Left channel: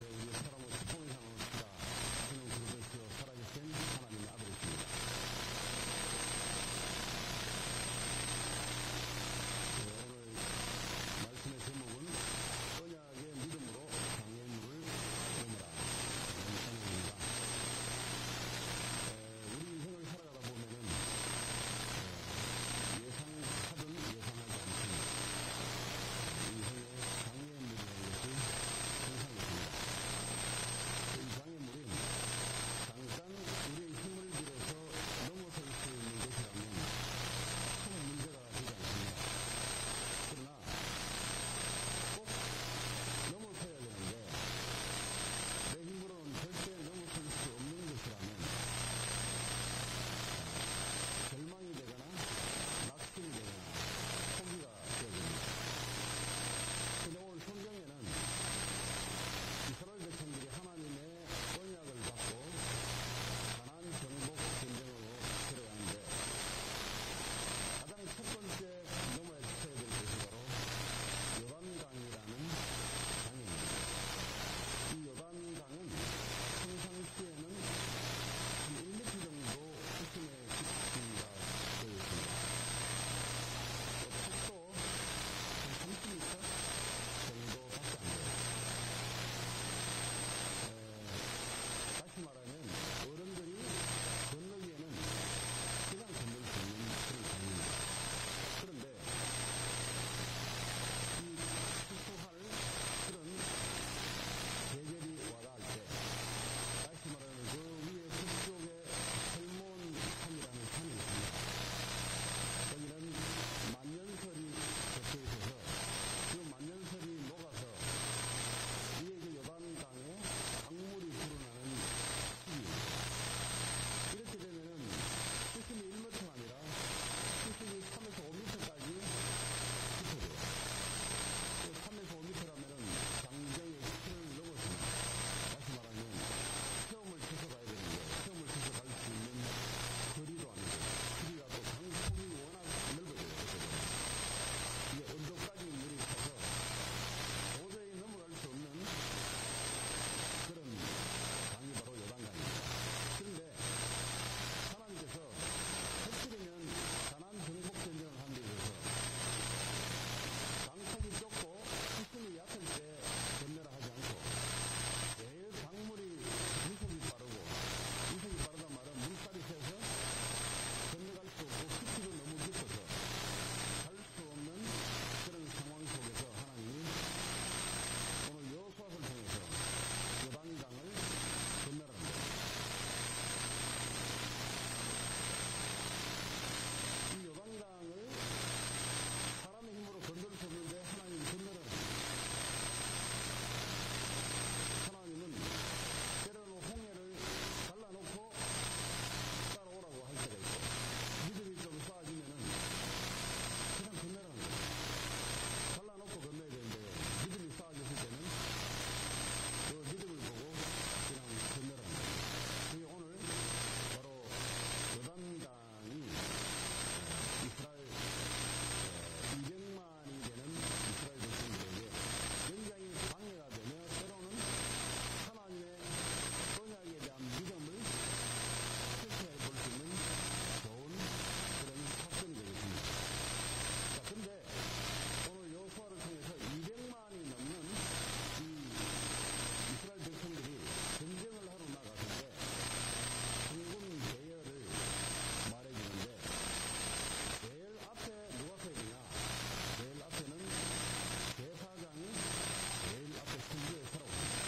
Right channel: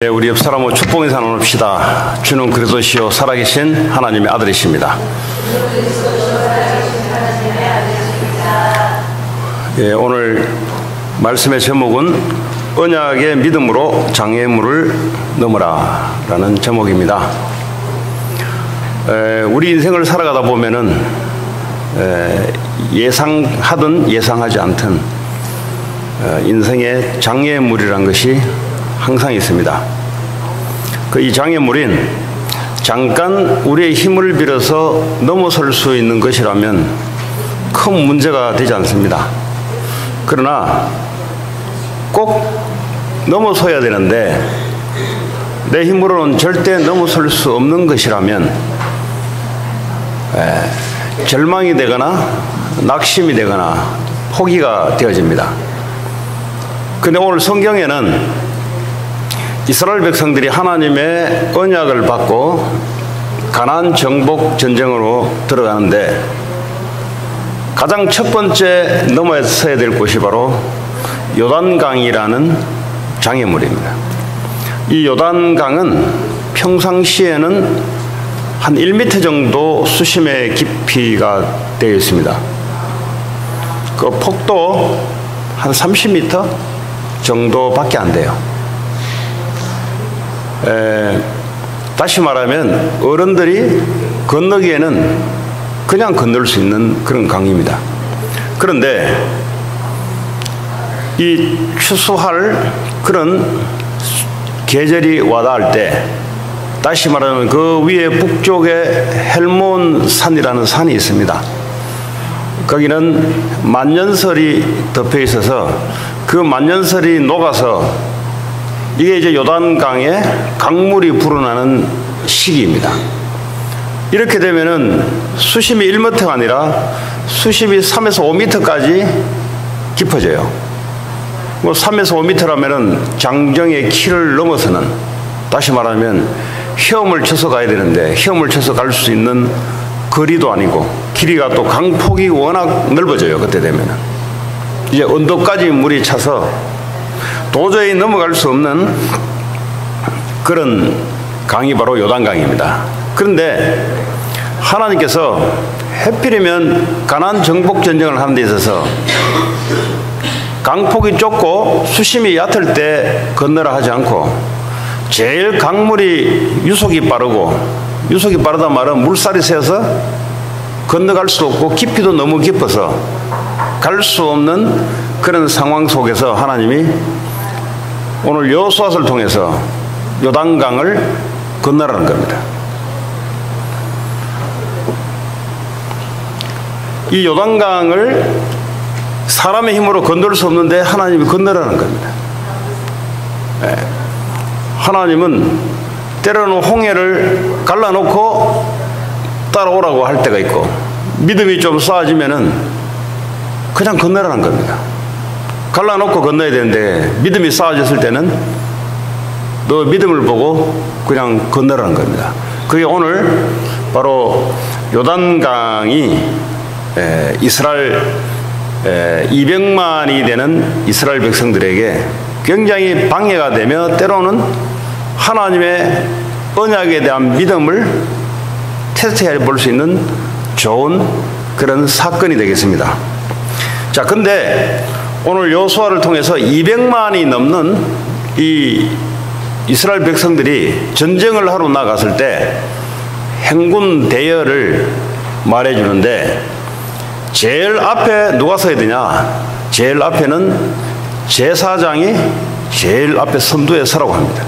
네, 우리 옆 사람을 축복 인사 나눕시다. 주는 그리스도시요 살아계신 하나님의 아들이십니다. 예, 오늘 말씀의 제목은 언약의 믿음으로 장애물을 넘어라 라는 제목입니다. 우리 인생을 살아가다 보면은 예상하든 예상하지 않든 인생의 장애물이란 것이 항상 있습니다. 이 장애물인 잠깐 우리의 힘을 빌어서 넘어설 수 있는 것이라면 큰 문제가 되지 않습니다. 그러나 꼭 넘어서야 되는데 내 힘으로는 절대 넘어설 수 없는 것이라면 절망이 되거나 낙심이 되거나 포기가 되어집니다. 그런데 오늘 성경에는 이스라엘 백성들이 하나님의 언약을 받고 가나안 정복 전쟁으로 들어가는데 가장 첫 번째 넘어서야 될 곳이 바로 요단강이라는 장애물입니다. 이 요단강은 평상시에는 한 1m 정도 수심의 깊이가 되어 있습니다. 그 폭도 한 30m 정도밖에 안 돼요. 다시 말하면 어른들이 건너기에는 그냥 건널 수 있는 그런 강입니다. 그런데 이 추수할 그런 계절이 와닿을 때 다시 말하면 그 위에 북쪽에 헬몬 산이라는 산이 있습니다. 거기는 만년설이 덮여 있어서 그 만년설이 녹아서 이게 이제 요단강에 강물이 불어나는 시기입니다. 이렇게 되면은 수심이 1m가 아니라 수심이 3에서 5m까지 깊어져요. 뭐 3에서 5m라면은 장정의 키를 넘어서는, 다시 말하면 헤엄을 쳐서 가야 되는데 헤엄을 쳐서 갈 수 있는 거리도 아니고, 길이가 또 강폭이 워낙 넓어져요. 그때 되면은 이제 언덕까지 물이 차서 도저히 넘어갈 수 없는 그런 강이 바로 요단강입니다. 그런데 하나님께서 해필이면 가나안 정복 전쟁을 하는 데 있어서 강폭이 좁고 수심이 얕을 때 건너라 하지 않고 제일 강물이 유속이 빠르고, 유속이 빠르다 말은 물살이 세서 건너갈 수 없고 깊이도 너무 깊어서 갈 수 없는 그런 상황 속에서 하나님이 오늘 여호수아서를 통해서 요단강을 건너라는 겁니다. 이 요단강을 사람의 힘으로 건널 수 없는데 하나님이 건너라는 겁니다. 하나님은 때로는 홍해를 갈라놓고 따라오라고 할 때가 있고, 믿음이 좀 쌓아지면은 그냥 건너라는 겁니다. 갈라놓고 건너야 되는데 믿음이 쌓아졌을 때는 너 믿음을 보고 그냥 건너라는 겁니다. 그게 오늘 바로 요단강이 이스라엘 200만이 되는 이스라엘 백성들에게 굉장히 방해가 되며 때로는 하나님의 언약에 대한 믿음을 테스트해 볼 수 있는 좋은 그런 사건이 되겠습니다. 자, 근데 오늘 여호수아를 통해서 200만이 넘는 이 이스라엘 백성들이 전쟁을 하러 나갔을 때 행군 대열을 말해주는데 제일 앞에 누가 서야 되냐? 제일 앞에는 제사장이 제일 앞에 선두에 서라고 합니다.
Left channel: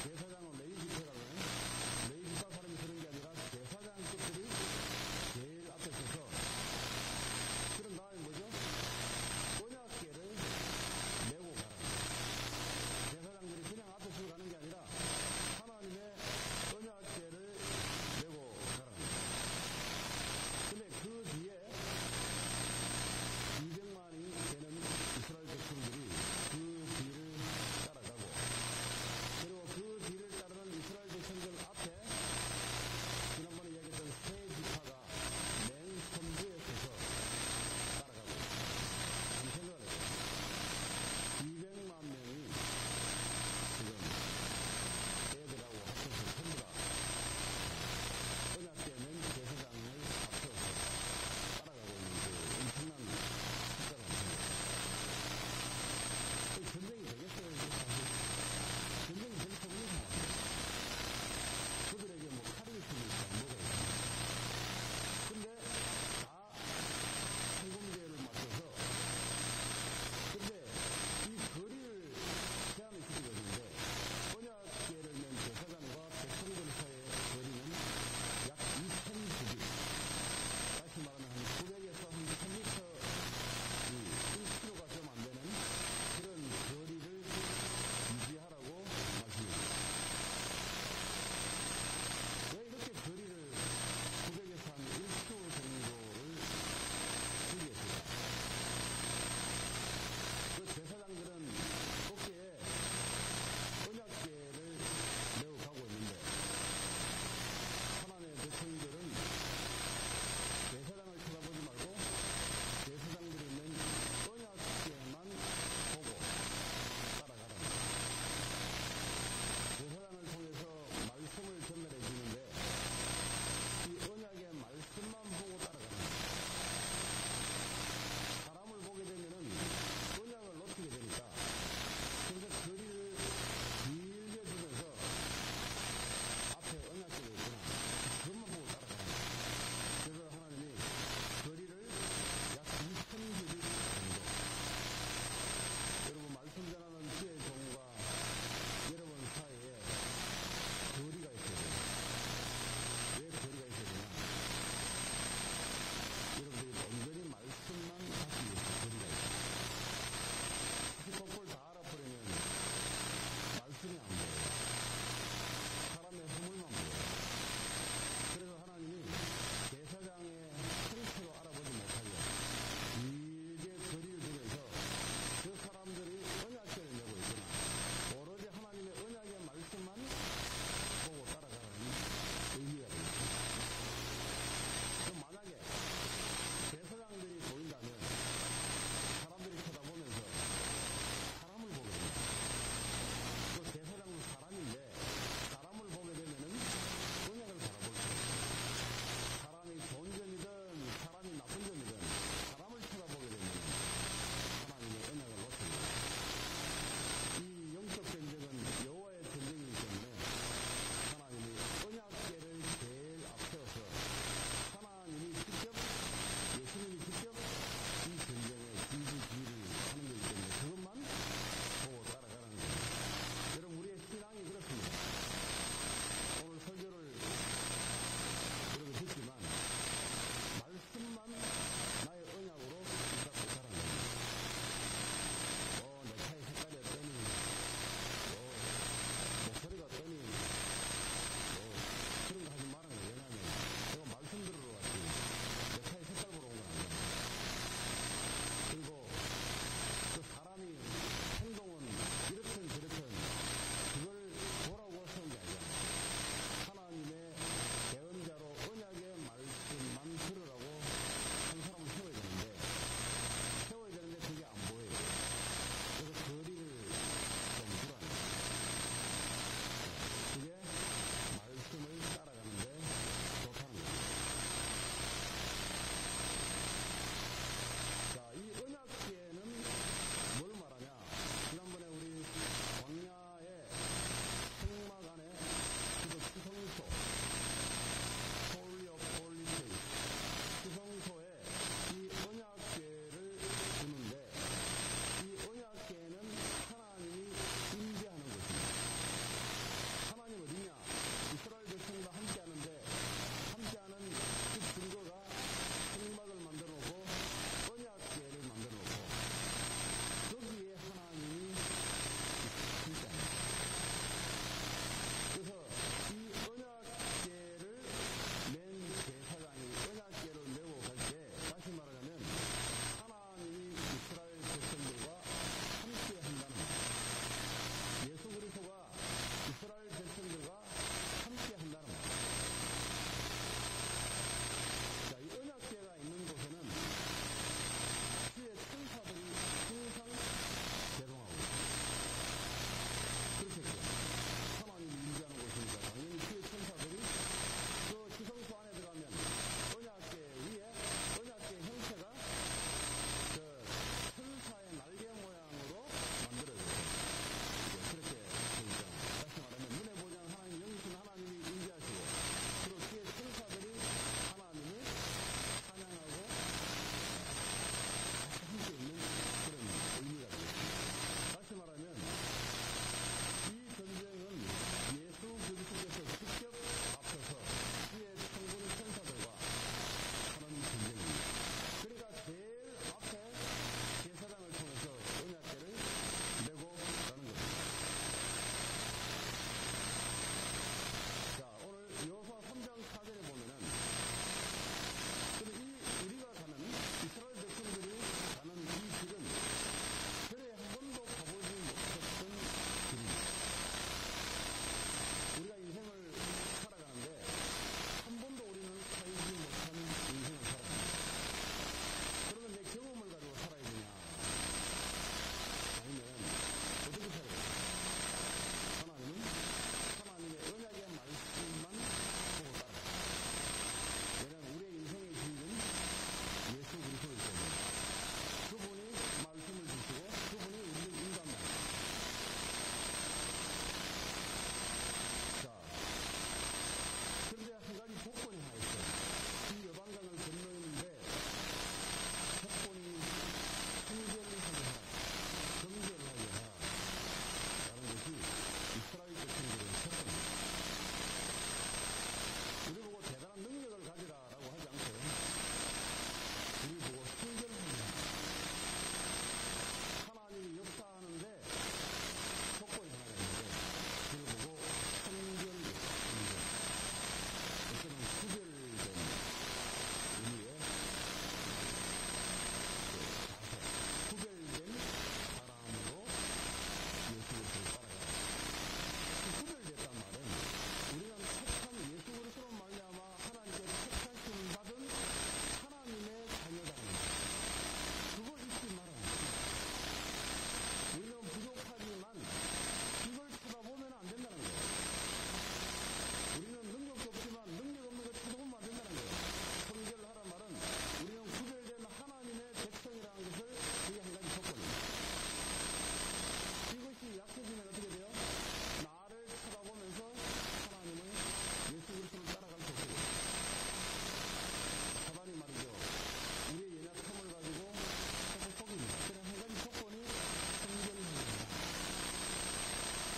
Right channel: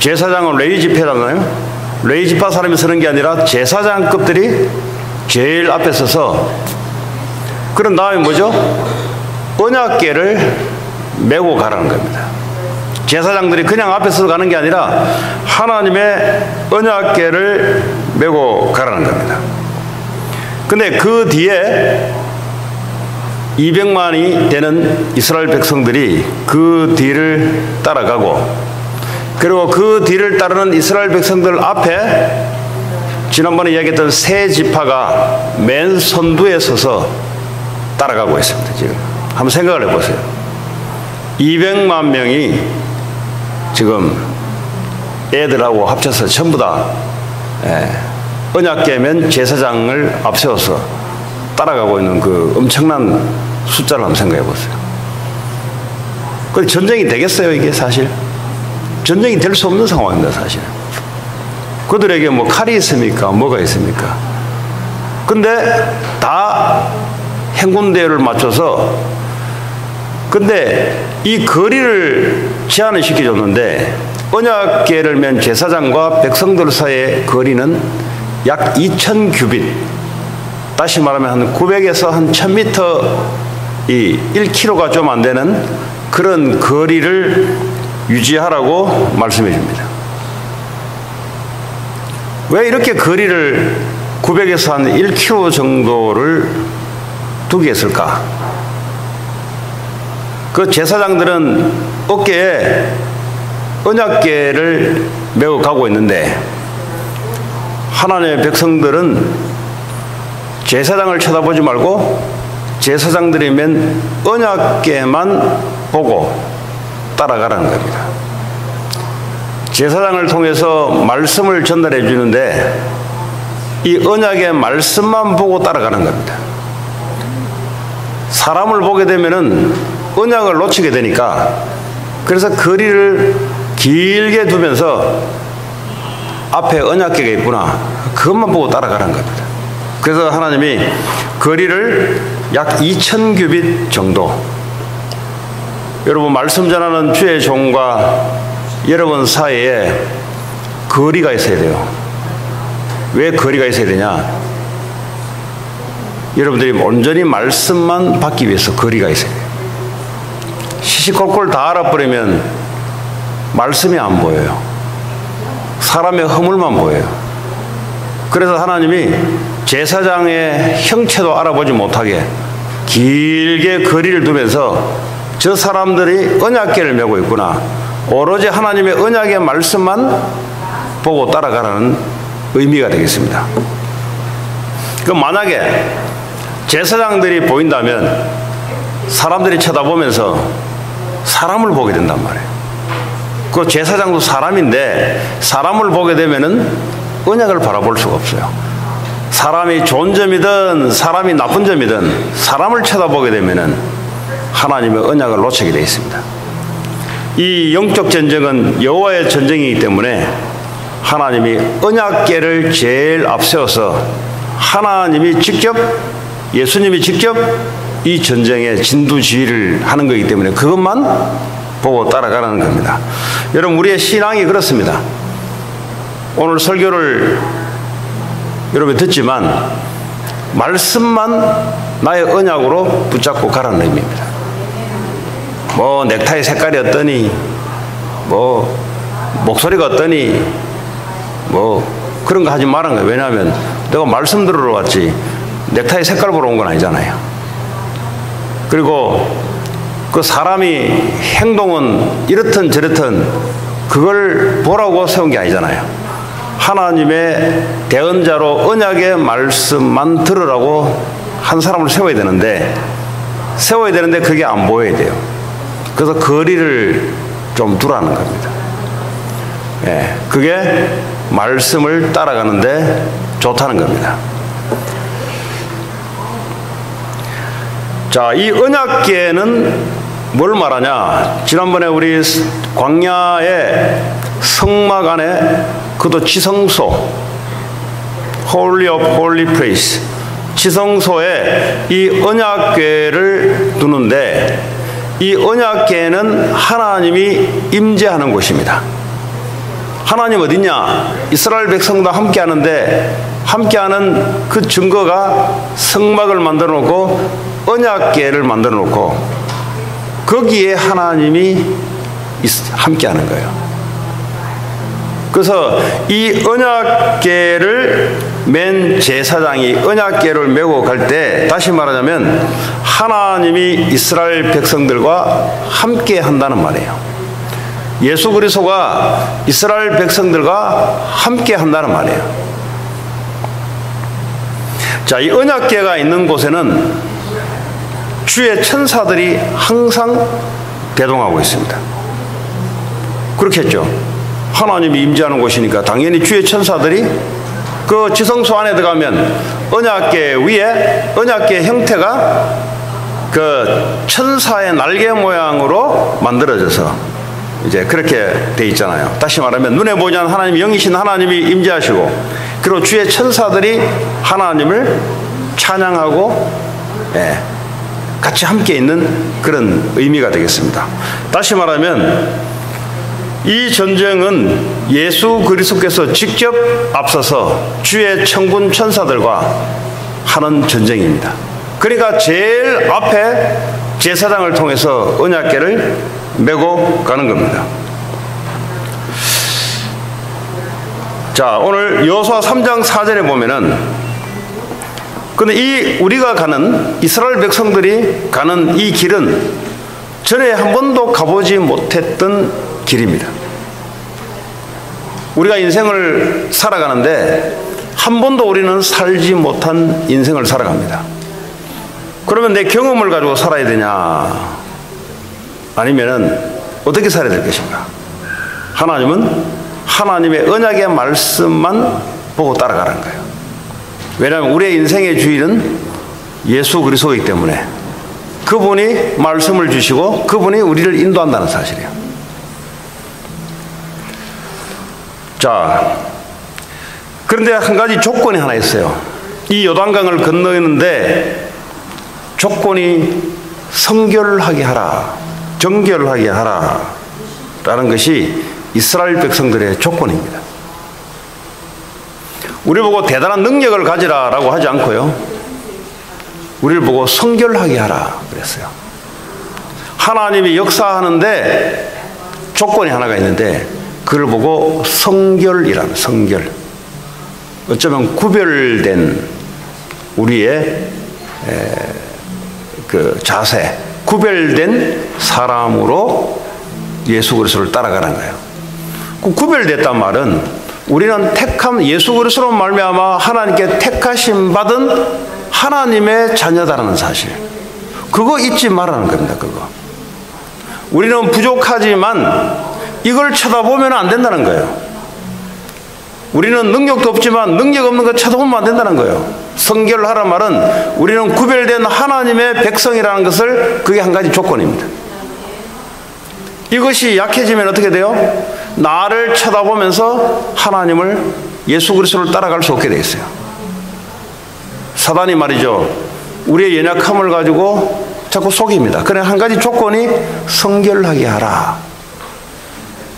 제사장은 레위 지파잖아요. 레위 지파 사람이 서는 게 아니라 제사장급들이 제일 앞에 서서, 그런 다음에 뭐죠? 언약궤를 메고 가라는 겁니다. 제사장들이 그냥 앞에 서서 가는 게 아니라 하나님의 언약궤를 메고 가라는 겁니다. 근데 그 뒤에 200만이 되는 이스라엘 백성들이 그 뒤를 따라가고, 그리고 그 뒤를 따르는 이스라엘 백성들 앞에 지난번에 이야기했던 세 지파가 맨 선두에 서서 따라가고 있습니다. 지금 한번 생각을 해보세요. 200만 명이 지금 애들하고 합쳐서 전부 다 언약궤면 제사장을 앞세워서 따라가고 있는 그 엄청난 숫자를 한번 생각해 보세요. 그 전쟁이 되겠어요, 이게 사실? 전쟁이 될 수 없는 상황입니다, 사실. 그들에게 뭐 칼이 있습니까? 뭐가 있습니까? 근데 다 행군대를 맞춰서, 근데 이 거리를 제한을 시켜줬는데, 언약궤를 맨 제사장과 백성들 사이의 거리는 약 2000규빗, 다시 말하면 한 900에서 한 1000m, 이 1km가 좀 안 되는 그런 거리를 유지하라고 말씀해 줍니다. 왜 이렇게 거리를 900에서 한 1km 정도를 두게 했을까? 그 제사장들은 어깨에 언약궤를 메고 가고 있는데, 하나님의 백성들은 제사장을 쳐다보지 말고 제사장들이 맨 언약궤만 보고 따라가라는 겁니다. 제사장을 통해서 말씀을 전달해 주는데 이 언약의 말씀만 보고 따라가는 겁니다. 사람을 보게 되면은 언약을 놓치게 되니까, 그래서 거리를 길게 두면서 앞에 언약궤가 있구나, 그것만 보고 따라가라는 겁니다. 그래서 하나님이 거리를 약 2000규빗 정도, 여러분 말씀 전하는 주의 종과 여러분 사이에 거리가 있어야 돼요. 왜 거리가 있어야 되냐? 여러분들이 온전히 말씀만 받기 위해서 거리가 있어야 돼요. 시시콜콜 다 알아버리면 말씀이 안 보여요. 사람의 허물만 보여요. 그래서 하나님이 제사장의 형체도 알아보지 못하게 길게 거리를 두면서 저 사람들이 언약궤를 메고 있구나, 오로지 하나님의 언약의 말씀만 보고 따라가라는 의미가 되겠습니다. 그럼 만약에 제사장들이 보인다면 사람들이 쳐다보면서 사람을 보게 된단 말이에요. 그 제사장도 사람인데 사람을 보게 되면은 언약을 바라볼 수가 없어요. 사람이 좋은 점이든 사람이 나쁜 점이든 사람을 쳐다보게 되면은 하나님의 언약을 놓치게 되어 있습니다. 이 영적 전쟁은 여호와의 전쟁이기 때문에 하나님이 언약궤를 제일 앞세워서 하나님이 직접, 예수님이 직접 이 전쟁의 진두지휘를 하는 거기 때문에 그것만 보고 따라가라는 겁니다. 여러분, 우리의 신앙이 그렇습니다. 오늘 설교를 여러분 듣지만 말씀만 나의 언약으로 붙잡고 가라는 의미입니다. 뭐 넥타이 색깔이 어떠니, 뭐 목소리가 어떠니, 뭐 그런 거 하지 말라는 거예요. 왜냐하면 내가 말씀 들으러 왔지 넥타이 색깔 보러 온 건 아니잖아요. 그리고 그 사람이 행동은 이렇든 저렇든 그걸 보라고 세운 게 아니잖아요. 하나님의 대언자로 언약의 말씀만 들으라고 한 사람을 세워야 되는데 그게 안 보여야 돼요. 그래서 거리를 좀 두라는 겁니다. 예, 그게 말씀을 따라가는데 좋다는 겁니다. 자, 이 언약궤는 뭘 말하냐? 지난번에 우리 광야의 성막 안에, 그것도 지성소, Holy of Holy Place, 지성소에 이 언약궤를 두는데, 이 언약궤는 하나님이 임재하는 곳입니다. 하나님 어디냐? 이스라엘 백성과 함께 하는데, 함께하는 그 증거가 성막을 만들어 놓고 언약궤를 만들어 놓고 거기에 하나님이 함께하는 거예요. 그래서 이 언약궤를 맨 제사장이 언약궤를 메고 갈 때, 다시 말하자면 하나님이 이스라엘 백성들과 함께 한다는 말이에요. 예수 그리스도가 이스라엘 백성들과 함께 한다는 말이에요. 자, 이 언약궤가 있는 곳에는 주의 천사들이 항상 대동하고 있습니다. 그렇겠죠. 하나님이 임재하는 곳이니까 당연히 주의 천사들이 그 지성소 안에 들어가면 언약궤 위에 언약궤 형태가 그 천사의 날개 모양으로 만들어져서 이제 그렇게 돼 있잖아요. 다시 말하면 눈에 보지 않는 하나님, 영이신 하나님이 임재하시고, 그리고 주의 천사들이 하나님을 찬양하고 같이 함께 있는 그런 의미가 되겠습니다. 다시 말하면 이 전쟁은 예수 그리스도께서 직접 앞서서 주의 천군 천사들과 하는 전쟁입니다. 그러니까 제일 앞에 제사장을 통해서 언약궤를 메고 가는 겁니다. 자, 오늘 여호수아 3장 4절에 보면은, 근데 이 우리가 가는, 이스라엘 백성들이 가는 이 길은 전에 한 번도 가보지 못했던 길입니다. 우리가 인생을 살아가는데 한 번도 우리는 살지 못한 인생을 살아갑니다. 그러면 내 경험을 가지고 살아야 되냐? 아니면은 어떻게 살아야 될 것인가? 하나님은 하나님의 언약의 말씀만 보고 따라가라는 거예요. 왜냐하면 우리의 인생의 주인은 예수 그리스도이기 때문에 그분이 말씀을 주시고 그분이 우리를 인도한다는 사실이에요. 자, 그런데 한 가지 조건이 하나 있어요. 이 요단강을 건너는데 조건이 성결하게 하라, 정결하게 하라 라는 것이 이스라엘 백성들의 조건입니다. 우리 보고 대단한 능력을 가지라 라고 하지 않고요, 우리를 보고 성결하게 하라 그랬어요. 하나님이 역사하는데 조건이 하나가 있는데 그걸 보고 성결이라는, 성결, 어쩌면 구별된 우리의 그 자세, 구별된 사람으로 예수 그리스도를 따라가는 거예요. 그 구별됐단 말은 우리는 택함, 예수 그리스도로 말미암아 하나님께 택하심 받은 하나님의 자녀다라는 사실, 그거 잊지 말라는 겁니다. 그거. 우리는 부족하지만 이걸 쳐다보면 안 된다는 거예요. 우리는 능력도 없지만 능력 없는 거 쳐다보면 안 된다는 거예요. 성결하란 말은 우리는 구별된 하나님의 백성이라는 것을, 그게 한 가지 조건입니다. 이것이 약해지면 어떻게 돼요? 나를 쳐다보면서 하나님을, 예수 그리스도를 따라갈 수 없게 돼 있어요. 사단이 말이죠, 우리의 연약함을 가지고 자꾸 속입니다. 그래, 한 가지 조건이 성결하게 하라.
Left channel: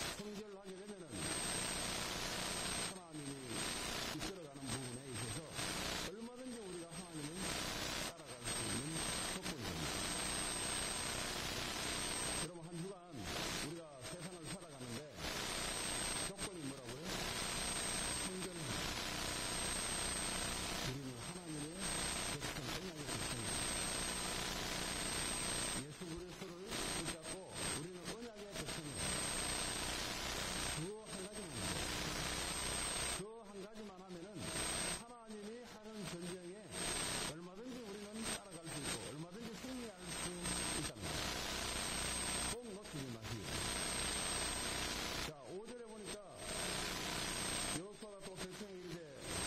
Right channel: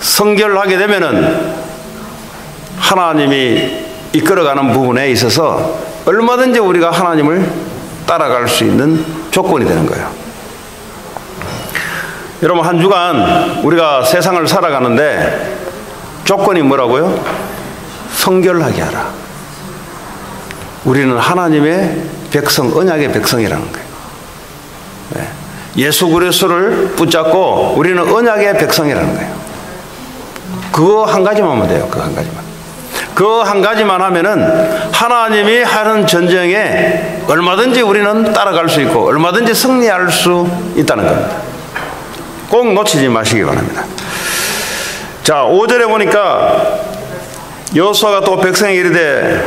성결하게 되면은 하나님이 이끌어가는 부분에 있어서 얼마든지 우리가 하나님을 따라갈 수 있는 조건이 되는 거예요. 여러분, 한 주간 우리가 세상을 살아가는데 조건이 뭐라고요? 성결하게 하라. 우리는 하나님의 백성, 언약의 백성이라는 거예요. 예수 그리스도를 붙잡고 우리는 언약의 백성이라는 거예요. 그거 한 가지만 하면 돼요. 그거 한 가지만. 그거 한 가지만 하면은 하나님이 하는 전쟁에 얼마든지 우리는 따라갈 수 있고 얼마든지 승리할 수 있다는 겁니다. 꼭 놓치지 마시기 바랍니다. 자, 5절에 보니까 여호수아가 또 백성에게 이르되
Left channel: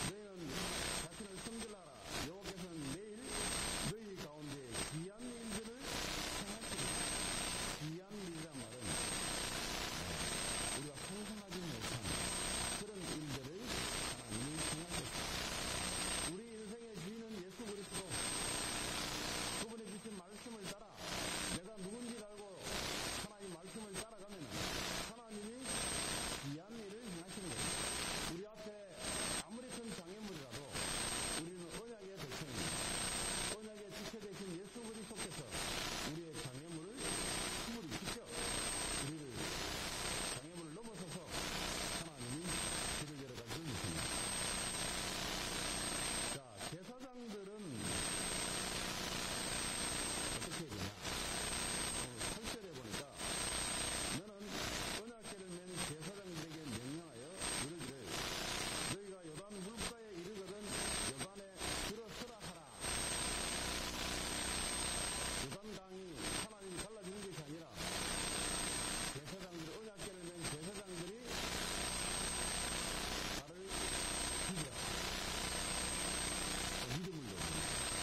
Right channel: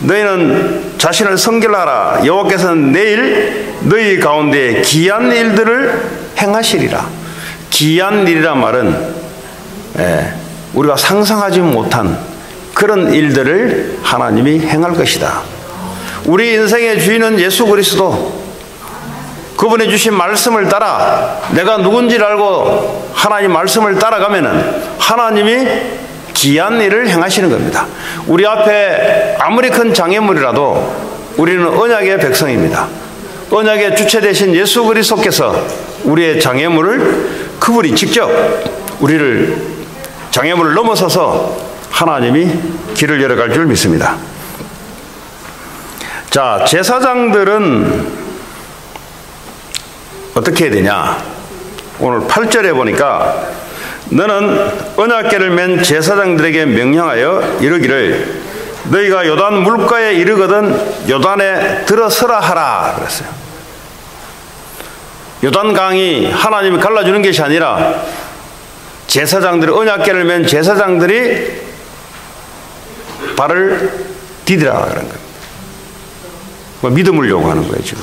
너희는 자신을 성결하라. 여호와께서는 내일 너희 가운데 귀한 일들을 행하시리라. 귀한 일이란 말은 우리가 상상하지 못한 그런 일들을 하나님이 행할 것이다. 우리 인생의 주인은 예수 그리스도, 그분이 주신 말씀을 따라 내가 누군지를 알고 하나님 말씀을 따라가면은 하나님이 귀한 일을 행하시는 겁니다. 우리 앞에 아무리 큰 장애물이라도 우리는 언약의 백성입니다. 언약의 주체 되신 예수 그리스도께서 우리의 장애물을, 그분이 직접 우리를, 장애물을 넘어서서 하나님이 길을 열어갈 줄 믿습니다. 자, 제사장들은 어떻게 해야 되냐? 오늘 8절에 보니까 너는 언약궤를 맨 제사장들에게 명령하여 이르기를 너희가 요단 물가에 이르거든 요단에 들어서라 하라 그랬어요. 요단강이 하나님이 갈라주는 것이 아니라 제사장들이, 언약궤를 맨 제사장들이 발을 디디라 그런 거예요. 뭐 믿음을 요구하는 거예요, 지금.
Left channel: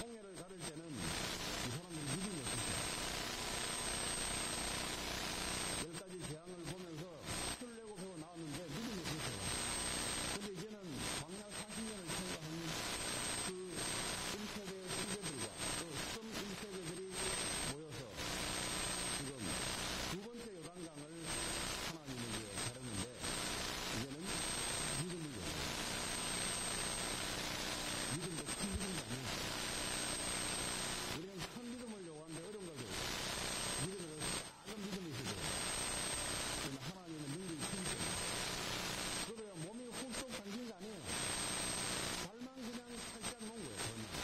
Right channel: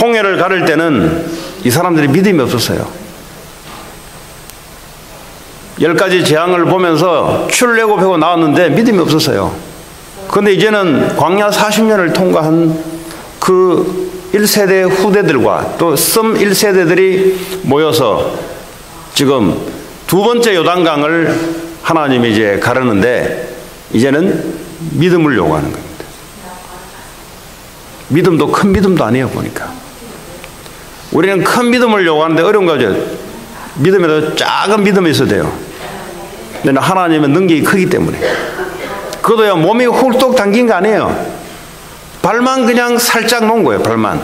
홍해를 가를 때는 이 사람들이 믿음이 없었어요. 10가지 재앙을 보면서 출애굽하고 나왔는데 믿음이 없었어요. 그런데 이제는 광야 40년을 통과한 그 1세대 후대들과 또 썸 1세대들이 모여서 지금 두 번째 요단강을 하나님이 이제 가르는데 이제는 믿음을 요구하는 겁니다. 믿음도 큰 믿음도 아니에요, 보니까. 우리는 큰 믿음을 요구하는데 어려운 거죠. 믿음에도 작은 믿음이 있어야 돼요. 근데 하나님의 능력이 크기 때문에. 그것도요, 몸이 훌떡 당긴 거 아니에요. 발만 그냥 살짝 놓은 거예요, 발만.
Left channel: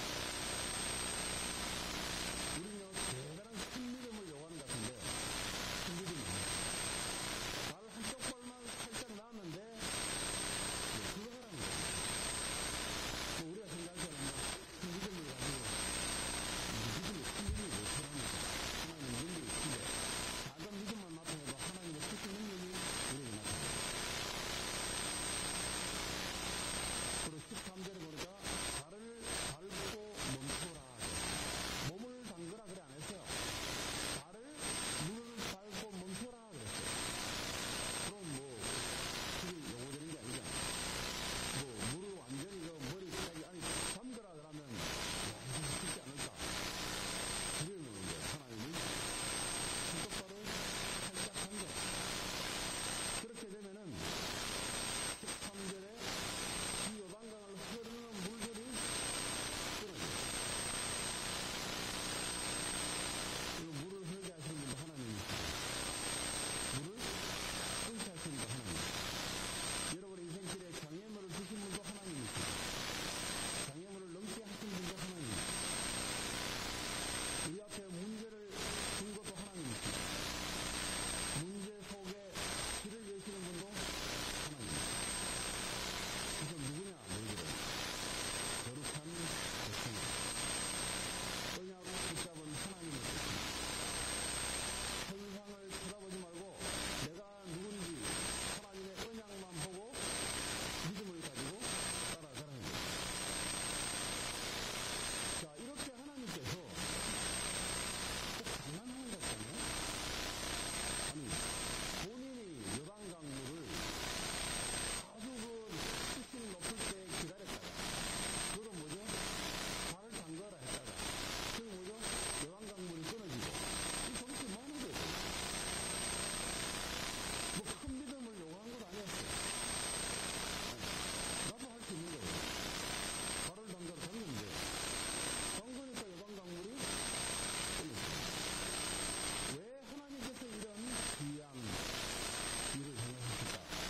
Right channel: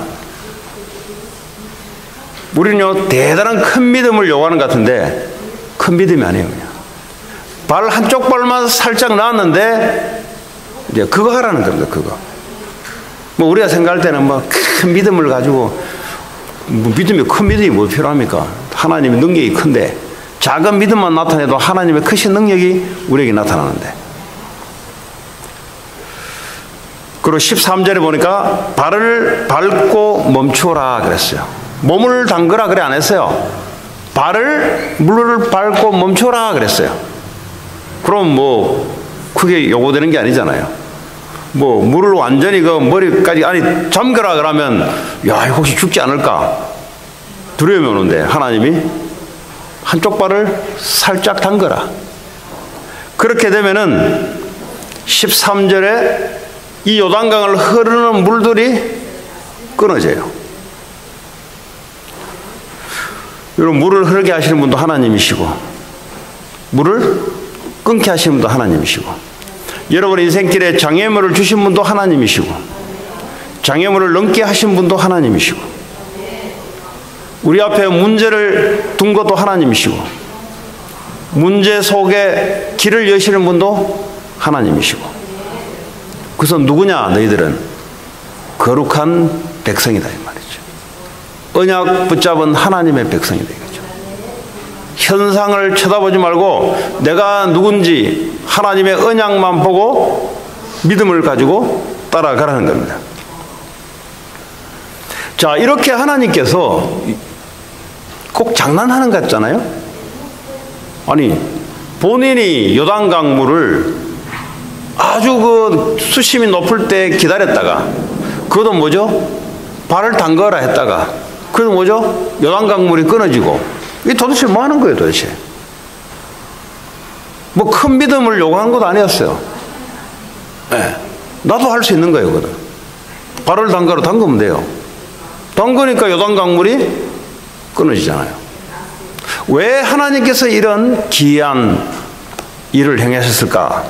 우리는요, 대단한 큰 믿음을 요구하는 것 같은데 큰 믿음이 아니에요, 그냥. 발 한쪽 발만 살짝 놨는데 이제 그거 하라는 겁니다, 그거. 뭐 우리가 생각할 때는 뭐 큰 믿음을 가지고 뭐 믿음이 큰 믿음이 뭐 필요합니까? 하나님의 능력이 큰데 작은 믿음만 나타내도 하나님의 크신 능력이 우리에게 나타나는데. 그리고 13절에 보니까 발을 밟고 멈추라 그랬어요. 몸을 담그라 그래 안 했어요. 발을 물을 밟고 멈추라 그랬어요. 그럼 뭐 크게 요구되는 게 아니잖아요. 뭐 물을 완전히 그 머리까지 아니 잠겨라 그러면 야 이거 혹시 죽지 않을까 두려움이 오는데 하나님이 한쪽 발을 살짝 담그라. 그렇게 되면은 13절에 이 요단강을 흐르는 물들이 끊어져요. 여러분, 물을 흐르게 하시는 분도 하나님이시고 물을 끊게 하시는 분도 하나님이시고 여러분 인생길에 장애물을 주신 분도 하나님이시고 장애물을 넘게 하신 분도 하나님이시고 우리 앞에 문제를 둔 것도 하나님이시고 문제 속에 길을 여시는 분도 하나님이시고 그래서 누구냐? 너희들은 거룩한 백성이다 이 말이죠. 언약 붙잡은 하나님의 백성이다 이거죠. 현상을 쳐다보지 말고 내가 누군지 하나님의 언약만 보고 믿음을 가지고 따라가라는 겁니다. 자, 이렇게 하나님께서 꼭 장난하는 것 같잖아요. 아니 본인이 요단강 물을 아주 그 수심이 높을 때 기다렸다가 그것도 뭐죠? 발을 담가라 했다가 그것도 뭐죠? 요단강 물이 끊어지고 이게 도대체 뭐 하는 거예요 도대체? 뭐 큰 믿음을 요구하는 것도 아니었어요. 네. 나도 할 수 있는 거예요 그거는. 발을 담가라 담그면 돼요. 담그니까 요단강 물이 끊어지잖아요. 왜 하나님께서 이런 기이한 일을 행하셨을까?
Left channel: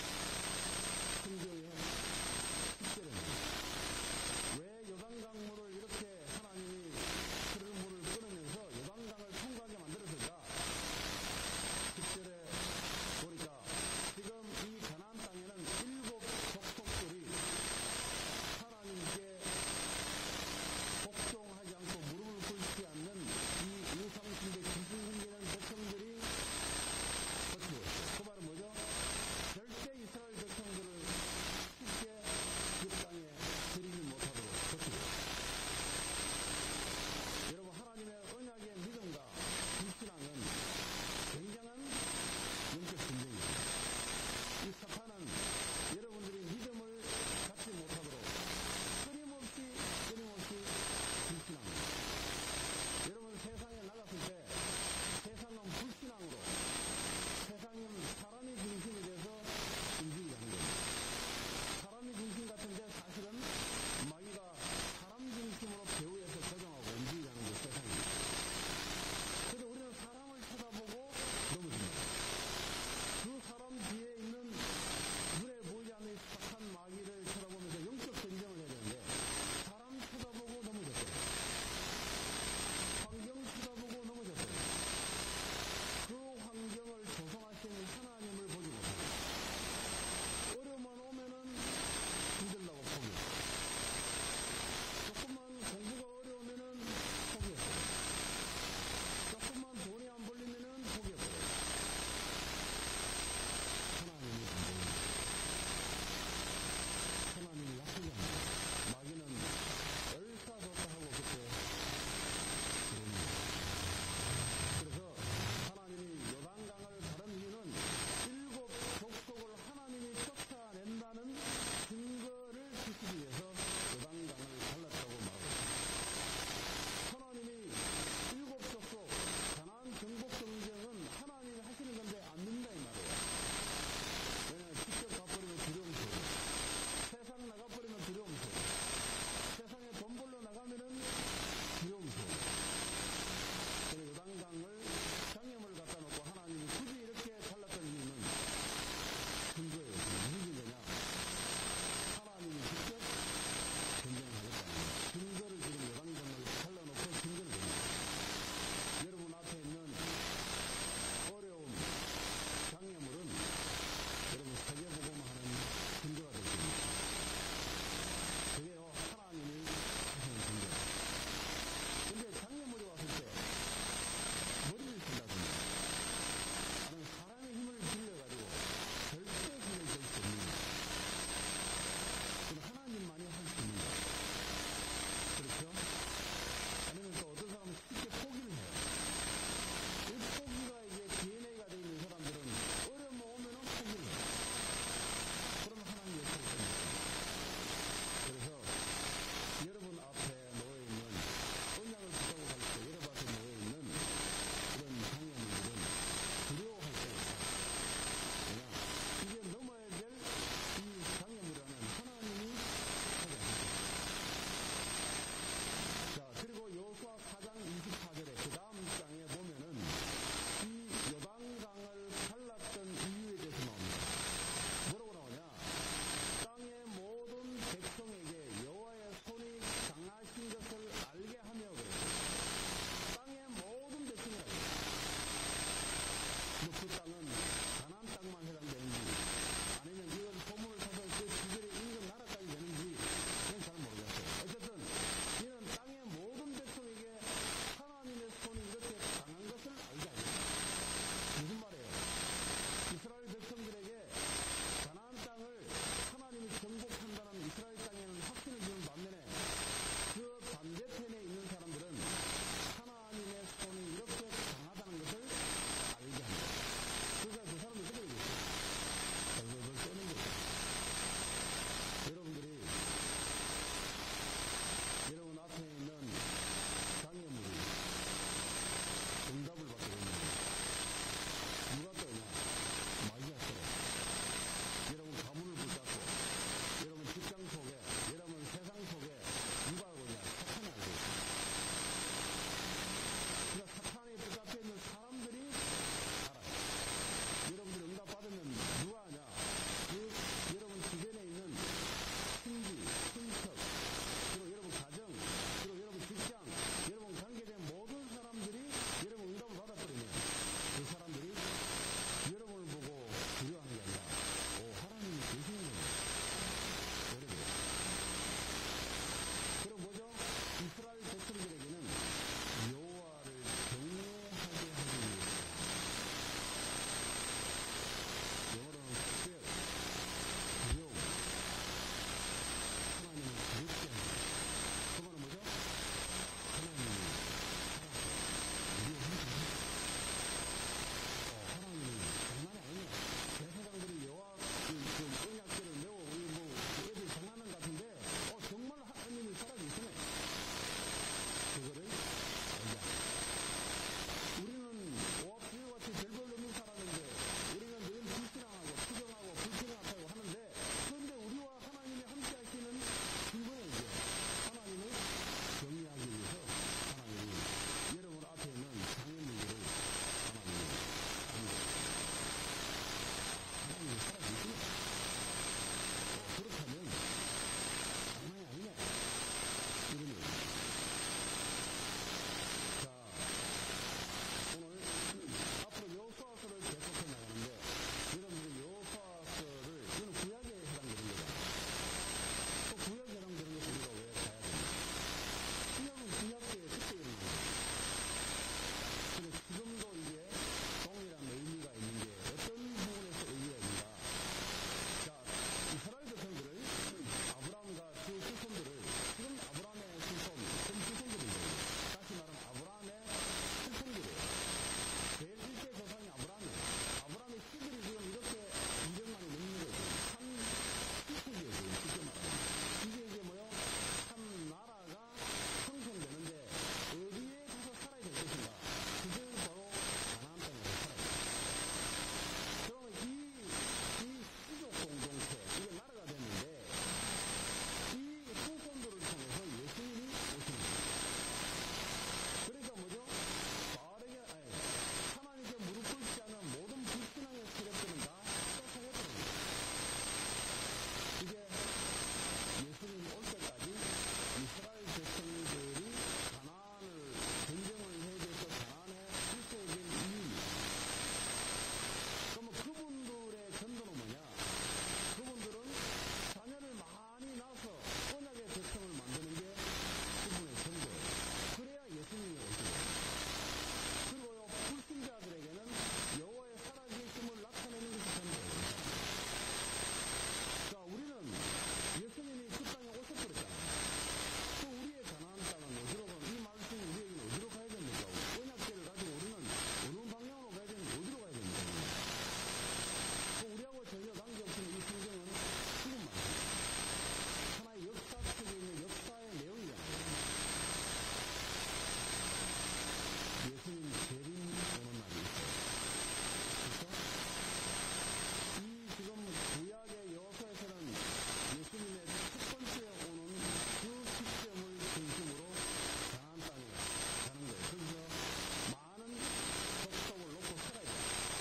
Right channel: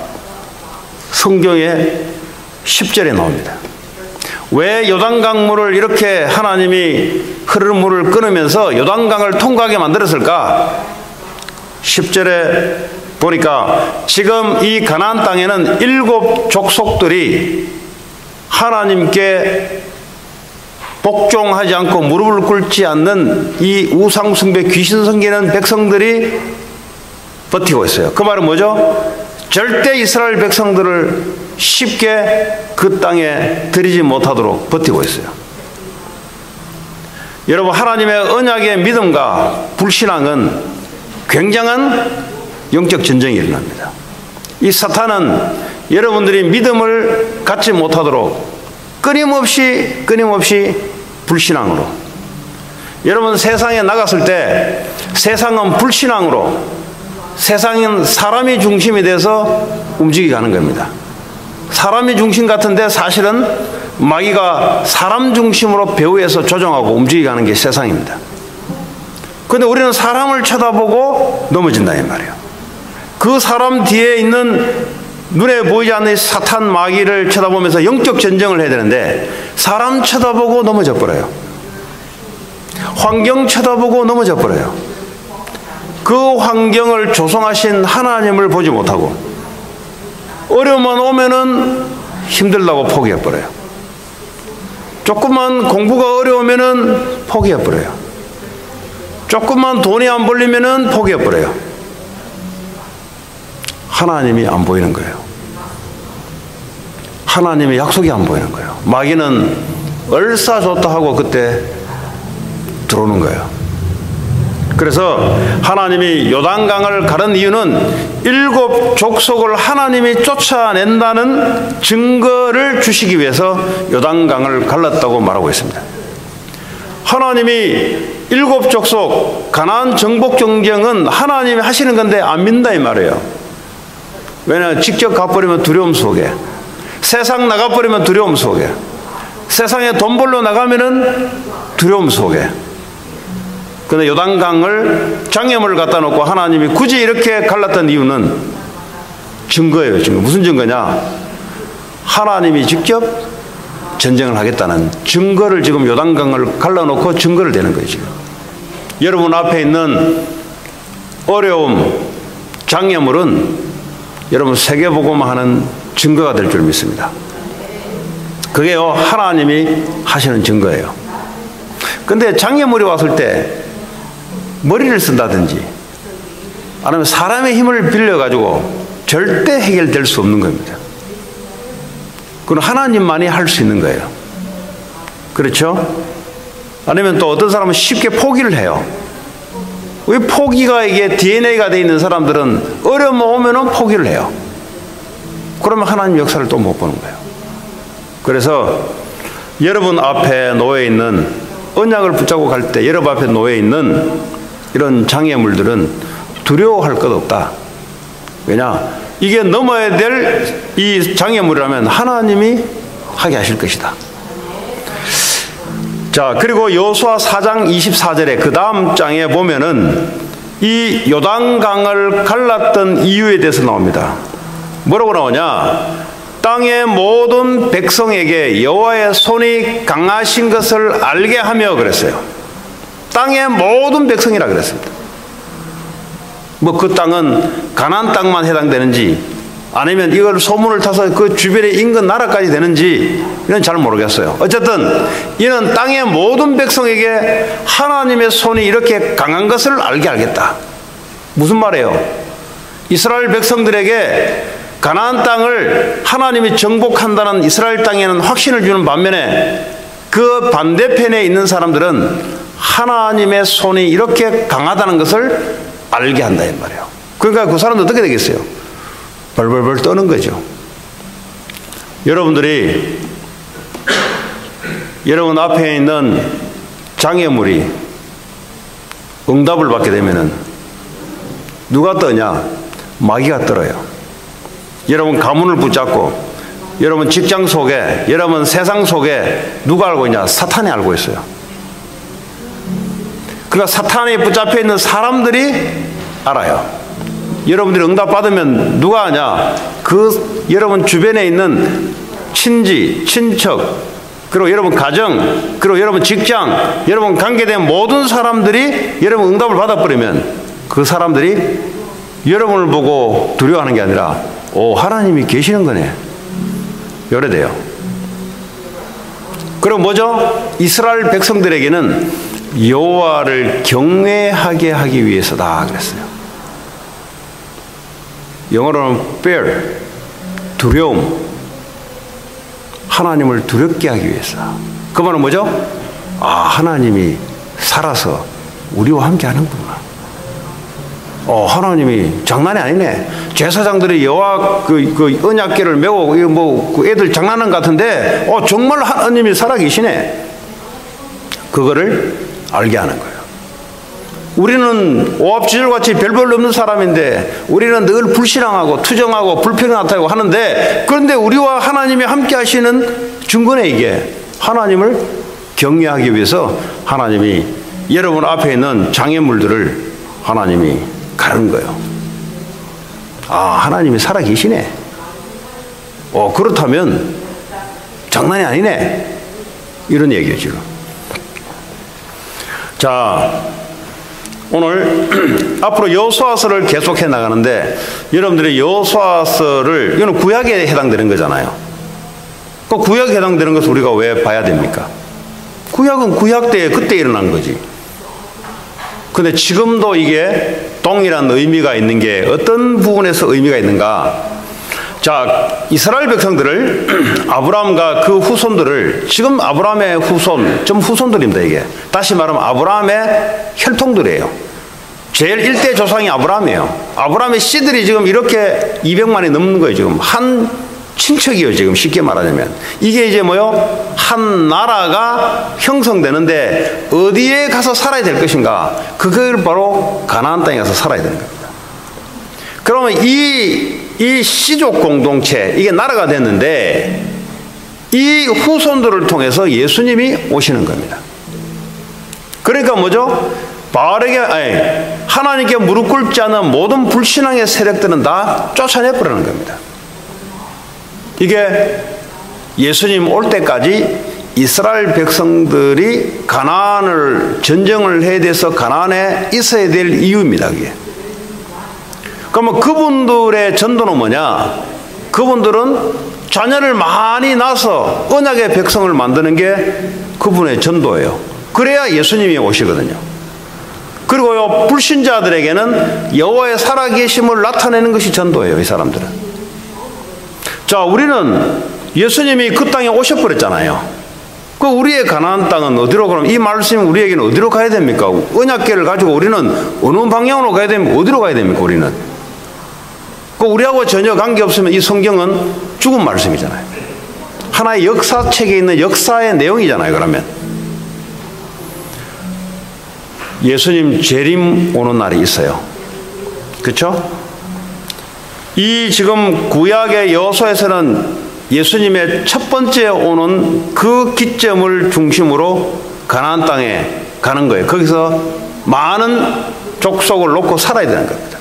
성경에 10절에 나옵니다. 왜 요단강 물을 이렇게 하나님이 흐르는 물을 끊으면서 요단강을 통과하게 만들었을까? 10절에 보니까 지금 이 가나안 땅에는 7 족속들이 하나님께 복종하지 않고 무릎을 꿇지 않는 이 우상숭배 귀신 섬기는 백성들이 버티고 있어요. 그 말은 뭐죠? 절대 이스라엘 백성들을 쉽게 그 땅에 들이지 못하도록 버티고 있어요. 여러분, 하나님의 언약의 믿음과 불신앙은 굉장한 영적 전쟁이 일어납니다. 이 사탄은 여러분들이 믿음을 갖지 못하도록 끊임없이 불신앙으로, 여러분 세상에 나갔을 때 세상은 불신앙으로, 세상은 사람이 중심이 돼서 움직이게 하는 겁니다. 사람이 중심 같은데 사실은 마귀가 사람 중심으로 배후에서 조정하고 움직이게 하는 게 세상입니다. 그런데 우리는 사람을 쳐다보고 넘어진다 이 말이에요. 그 사람 뒤에 있는 눈에 보이지 않는 사탄 마귀를 쳐다보면서 영적 전쟁을 해야 되는데 사람 쳐다보고 넘어져 버려요. 환경 쳐다보고 넘어져 버려요. 그 환경을 조성하신 하나님을 보지 못하고 어려움만 오면은 힘들다고 포기해 버려요. 조금만 공부가 어려우면은 포기해 버려요. 조금만 돈이 안 벌리면은 포기해버려요. 하나님이 안 보이는 거예요. 하나님의 약속이 안 보이는 거예요. 마귀는 얼싸 좋다 하고 그때 들어오는 거예요. 그래서 하나님이 요단강을 가른 이유는 7 족속을 하나님이 쫓아낸다는 증거를 주시기 위해서 요단강을 갈랐다고 말하고 있습니다. 하나님이 7 족속 가나안 정복 전쟁은 하나님이 하시는 건데 안 믿는다 이 말이에요. 왜냐하면 직접 가버리면 두려움 속에, 세상 나가버리면 두려움 속에, 세상에 돈 벌러 나가면은 두려움 속에. 근데 요단강을 장애물을 갖다 놓고 하나님이 굳이 이렇게 갈랐던 이유는 증거예요. 증거. 무슨 증거냐? 하나님이 직접 전쟁을 하겠다는 증거를 지금 요단강을 갈라놓고 증거를 대는 거예요. 지금 여러분 앞에 있는 어려움, 장애물은 여러분 세계복음화 하는 증거가 될 줄 믿습니다. 그게요 하나님이 하시는 증거예요. 근데 장애물이 왔을 때 머리를 쓴다든지 아니면 사람의 힘을 빌려가지고 절대 해결될 수 없는 겁니다. 그건 하나님만이 할 수 있는 거예요. 그렇죠? 아니면 또 어떤 사람은 쉽게 포기를 해요. 왜 포기가 이게 DNA가 되어 있는 사람들은 어려움 오면은 포기를 해요. 그러면 하나님 역사를 또 못 보는 거예요. 그래서 여러분 앞에 놓여 있는 언약을 붙잡고 갈 때 여러분 앞에 놓여 있는 이런 장애물들은 두려워할 것 없다. 왜냐? 이게 넘어야 될 이 장애물이라면 하나님이 하게 하실 것이다. 자, 그리고 여호수아 4장 24절에 그 다음 장에 보면은 이 요단강을 갈랐던 이유에 대해서 나옵니다. 뭐라고 나오냐? 땅의 모든 백성에게 여호와의 손이 강하신 것을 알게 하며 그랬어요. 땅의 모든 백성이라 그랬습니다. 뭐 그 땅은 가나안 땅만 해당되는지 아니면 이걸 소문을 타서 그 주변의 인근 나라까지 되는지 이건 잘 모르겠어요. 어쨌든 이는 땅의 모든 백성에게 하나님의 손이 이렇게 강한 것을 알게 하겠다. 무슨 말이에요? 이스라엘 백성들에게 가나안 땅을 하나님이 정복한다는 이스라엘 땅에는 확신을 주는 반면에 그 반대편에 있는 사람들은 하나님의 손이 이렇게 강하다는 것을 알게 한다 이 말이에요. 그러니까 그 사람도 어떻게 되겠어요? 벌벌벌 떠는 거죠. 여러분들이 여러분 앞에 있는 장애물이 응답을 받게 되면은 누가 떠냐? 마귀가 떨어요. 여러분 가문을 붙잡고 여러분 직장 속에 여러분 세상 속에 누가 알고 있냐? 사탄이 알고 있어요. 그러니까 사탄이 붙잡혀 있는 사람들이 알아요. 여러분들이 응답 받으면 누가 하냐? 그 여러분 주변에 있는 친지, 친척, 그리고 여러분 가정, 그리고 여러분 직장, 여러분 관계된 모든 사람들이 여러분 응답을 받아버리면 그 사람들이 여러분을 보고 두려워하는 게 아니라 오, 하나님이 계시는 거네. 이래 돼요. 그리고 뭐죠? 이스라엘 백성들에게는 여호와를 경외하게 하기 위해서다 그랬어요. 영어로는 fear, 두려움. 하나님을 두렵게 하기 위해서. 그 말은 뭐죠? 아, 하나님이 살아서 우리와 함께 하는구나. 하나님이 장난이 아니네. 제사장들이 여호와 그 언약궤를 메고 그 애들 장난하는 것 같은데 정말 하나님이 살아계시네. 그거를 알게 하는 거예요. 우리는 오합지졸같이 별 볼 없는 사람인데 우리는 늘 불신앙하고 투정하고 불평하고 하는데 그런데 우리와 하나님이 함께 하시는 증거네 이게. 하나님을 경외하기 위해서 하나님이 여러분 앞에 있는 장애물들을 하나님이 가른 거예요. 아, 하나님이 살아계시네. 그렇다면 장난이 아니네. 이런 얘기예요 지금. 자, 오늘 앞으로 여호수아서를 계속해 나가는데 여러분들이 여호수아서를 이거는 구약에 해당되는 거잖아요. 그 구약에 해당되는 것을 우리가 왜 봐야 됩니까? 구약은 구약 때 그때 일어난 거지. 근데 지금도 이게 동일한 의미가 있는 게 어떤 부분에서 의미가 있는가? 자, 이스라엘 백성들을 아브라함과 그 후손들을 지금 아브라함의 후손, 좀 후손들입니다, 이게. 다시 말하면 아브라함의 혈통들이에요. 제일 일대 조상이 아브라함이에요. 아브라함의 씨들이 지금 이렇게 200만이 넘는 거예요, 지금. 한 친척이에요, 지금 쉽게 말하자면. 이게 이제 뭐요? 한 나라가 형성되는데 어디에 가서 살아야 될 것인가? 그걸 바로 가나안 땅에 가서 살아야 되는 겁니다. 그러면 이 씨족 공동체, 이게 나라가 됐는데 이 후손들을 통해서 예수님이 오시는 겁니다. 그러니까 뭐죠? 하나님께 무릎 꿇지 않는 모든 불신앙의 세력들은 다 쫓아내버리는 겁니다. 이게 예수님 올 때까지 이스라엘 백성들이 가나안을 전쟁을 해야 돼서 가나안에 있어야 될 이유입니다. 그게. 그러면 그분들의 전도는 뭐냐? 그분들은 자녀를 많이 낳아서 언약의 백성을 만드는 게 그분의 전도예요. 그래야 예수님이 오시거든요. 그리고요, 불신자들에게는 여호와의 살아계심을 나타내는 것이 전도예요, 이 사람들은. 자, 우리는 예수님이 그 땅에 오셔버렸잖아요. 그 우리의 가나안 땅은 어디로 그럼 이 말씀이 우리에게는 어디로 가야 됩니까? 언약궤를 가지고 우리는 어느 방향으로 가야 됩니까? 어디로 가야 됩니까? 우리는 그 우리하고 전혀 관계없으면 이 성경은 죽은 말씀이잖아요. 하나의 역사책에 있는 역사의 내용이잖아요. 그러면 예수님 재림 오는 날이 있어요. 그렇죠? 이 지금 구약의 여호수아에서는 예수님의 첫 번째 오는 그 기점을 중심으로 가나안 땅에 가는 거예요. 거기서 많은 족속을 놓고 살아야 되는 겁니다.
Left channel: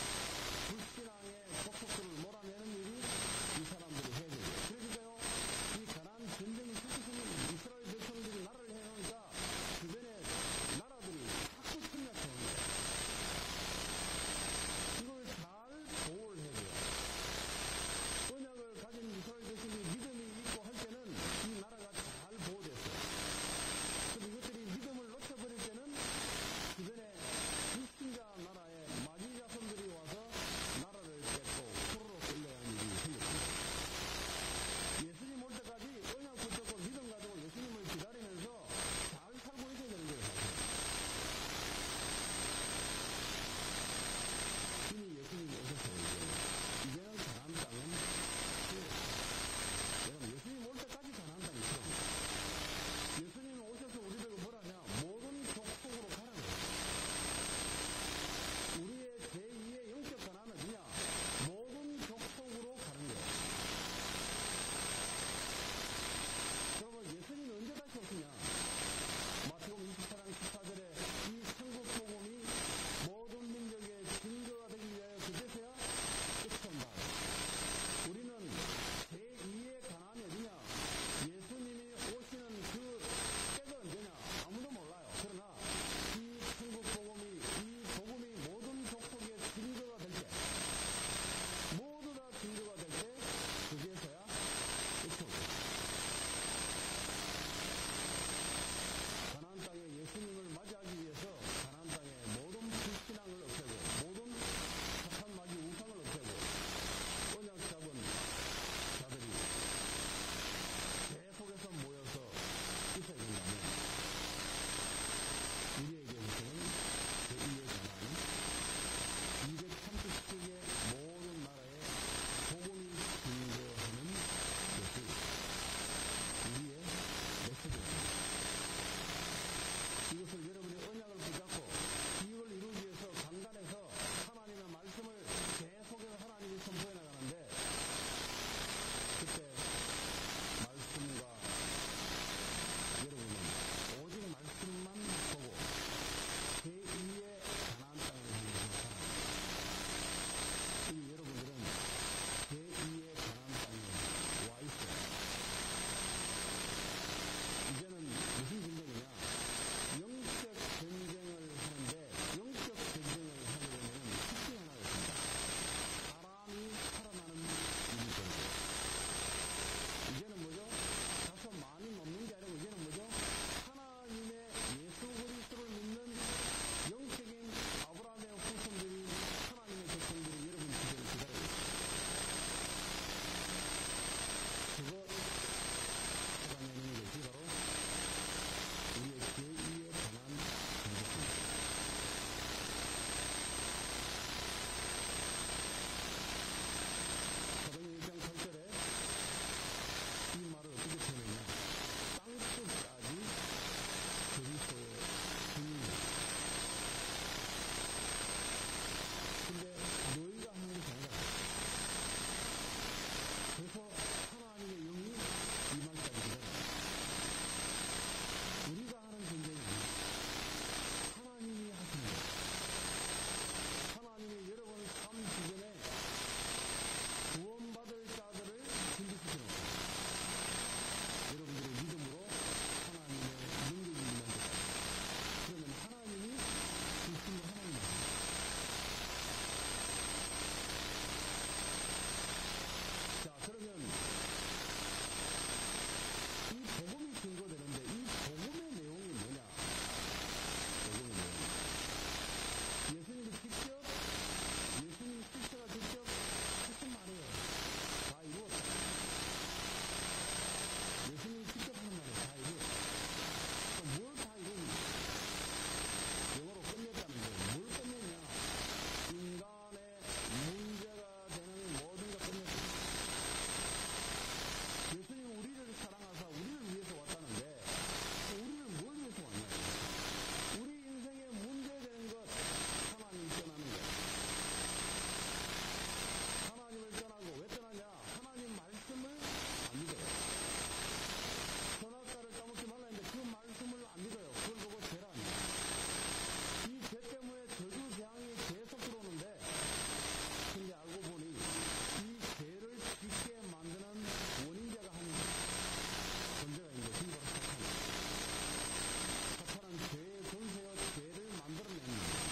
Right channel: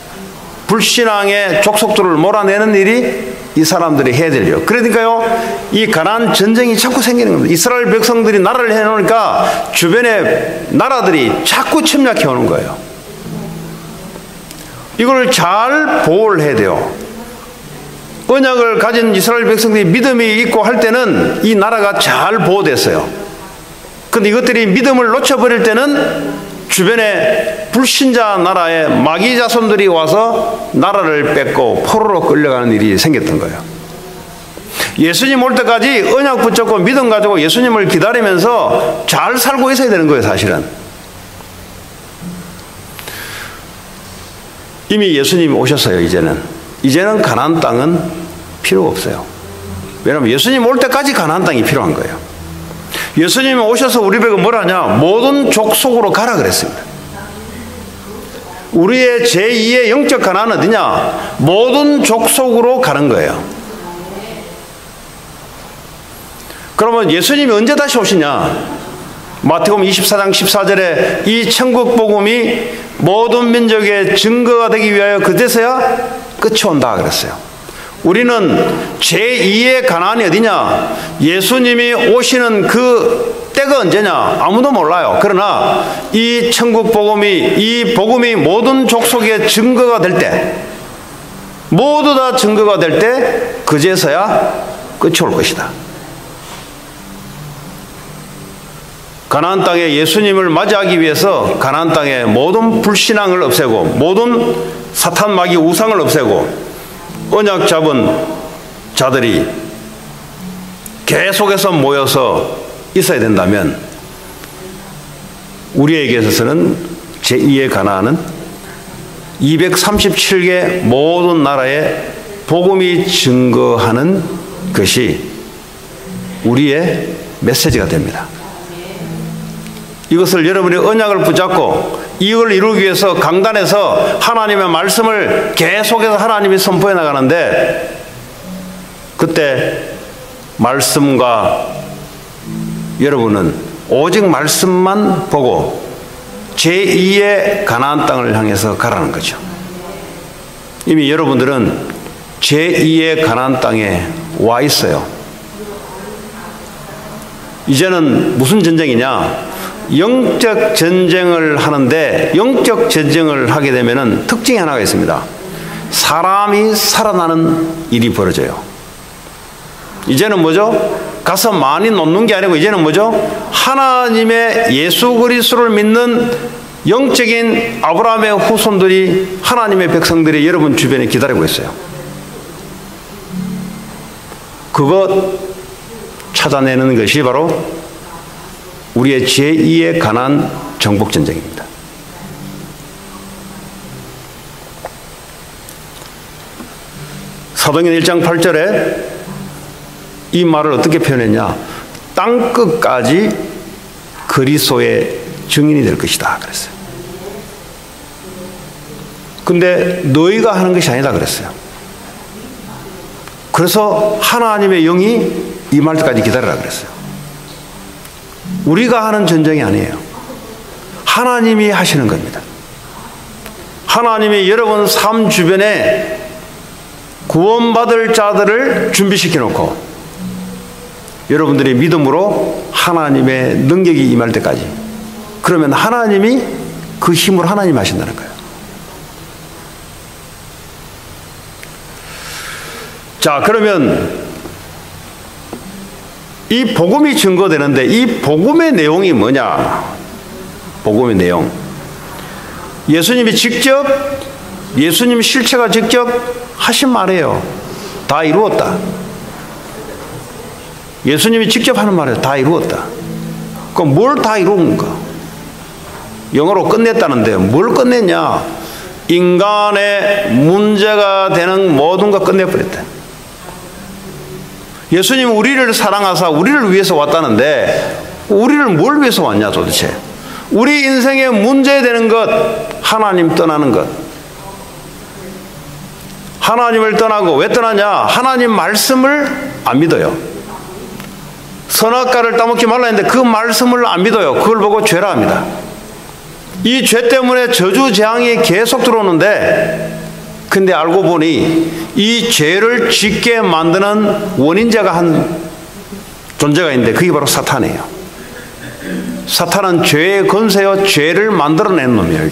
불신앙의 족속들을 몰아내는 일이 이 사람들이 해야 될 일. 그러니까요, 이 가나안 전쟁이 자꾸 생기는 겁니다. 이스라엘 백성들이 나라를 해놓으니까 주변의 나라들이 자꾸 침략해 오는 거예요. 이걸 잘 보호를 해야 돼요. 언약을 가진 이스라엘 백성들이 믿음이 있고 할 때는 이 나라가 잘 보호됐어요. 그런데 이것들이 믿음을 놓쳐버릴 때는 주변에 불신자 나라의 마귀 자손들이 와서 나라를 뺏고 포로로 끌려가는 일이 생겼던 거예요. 예수님 올 때까지 언약 붙잡고 믿음 가지고 예수님을 기다리면서 잘 살고 있어야 되는 거예요, 사실은. 이미 예수님이 오셨어요, 이제는 가나안 땅은 필요가 없어요. 왜냐하면 예수님 올 때까지 가나안 땅이 필요한 거예요. 예수님이 오셔서 우리 보고 뭐라 하냐? 모든 족속으로 가라 그랬습니다. 우리의 제2의 영적 가나안은 어디냐? 모든 족속으로 가는 거예요. 그러면 예수님이 언제 다시 오시냐? 마태복음 24장 14절에 이 천국 복음이 모든 민족의 증거가 되기 위하여 그때서야 끝이 온다 그랬어요. 우리는 제2의 가나안이 어디냐? 예수님이 오시는 그 때가 언제냐? 아무도 몰라요. 그러나 이 천국 복음이, 이 복음이 모든 족속의 증거가 될 때, 모두 다 증거가 될 때 그제서야 끝이 올 것이다. 가나안 땅에 예수님을 맞이하기 위해서 가나안 땅에 모든 불신앙을 없애고 모든 사탄 마귀 우상을 없애고 언약 잡은 자들이 계속해서 모여서 있어야 된다면 우리에게 있어서는 제2의 가나안은 237개 모든 나라에 복음이 증거하는 것이 우리의 메시지가 됩니다. 이것을 여러분이 언약을 붙잡고 이걸 이루기 위해서 강단에서 하나님의 말씀을 계속해서 하나님이 선포해 나가는데 그때 말씀과 여러분은 오직 말씀만 보고 제2의 가나안 땅을 향해서 가라는 거죠. 이미 여러분들은 제2의 가나안 땅에 와 있어요. 이제는 무슨 전쟁이냐? 영적 전쟁을 하는데 영적 전쟁을 하게 되면은 특징이 하나가 있습니다. 사람이 살아나는 일이 벌어져요. 이제는 뭐죠? 가서 많이 놓는 게 아니고 이제는 뭐죠? 하나님의 예수 그리스도를 믿는 영적인 아브라함의 후손들이, 하나님의 백성들이 여러분 주변에 기다리고 있어요. 그것 찾아내는 것이 바로 우리의 제2의 가나안 정복전쟁입니다. 사도행전 1장 8절에 이 말을 어떻게 표현했냐? 땅끝까지 그리스도의 증인이 될 것이다 그랬어요. 근데 너희가 하는 것이 아니다 그랬어요. 그래서 하나님의 영이 임할 때까지 기다리라 그랬어요. 우리가 하는 전쟁이 아니에요. 하나님이 하시는 겁니다. 하나님이 여러분 삶 주변에 구원받을 자들을 준비시켜 놓고 여러분들이 믿음으로 하나님의 능력이 임할 때까지, 그러면 하나님이 그 힘으로 하나님 하신다는 거예요. 자, 그러면 이 복음이 증거되는데 이 복음의 내용이 뭐냐? 복음의 내용. 예수님이 직접, 예수님 실체가 직접 하신 말이에요. 다 이루었다. 예수님이 직접 하는 말이에요. 다 이루었다. 그럼 뭘 다 이루었는가? 영어로 끝냈다는데 뭘 끝냈냐? 인간의 문제가 되는 모든 것 끝내버렸다. 예수님은 우리를 사랑하사 우리를 위해서 왔다는데 우리를 뭘 위해서 왔냐 도대체? 우리 인생의 문제되는 것, 하나님 떠나는 것. 하나님을 떠나고 왜 떠나냐? 하나님 말씀을 안 믿어요. 선악과를 따먹지 말라 했는데 그 말씀을 안 믿어요. 그걸 보고 죄라 합니다. 이 죄 때문에 저주 재앙이 계속 들어오는데, 근데 알고 보니 이 죄를 짓게 만드는 원인자가 한 존재가 있는데 그게 바로 사탄이에요. 사탄은 죄의 권세요, 죄를 만들어낸 놈이에요.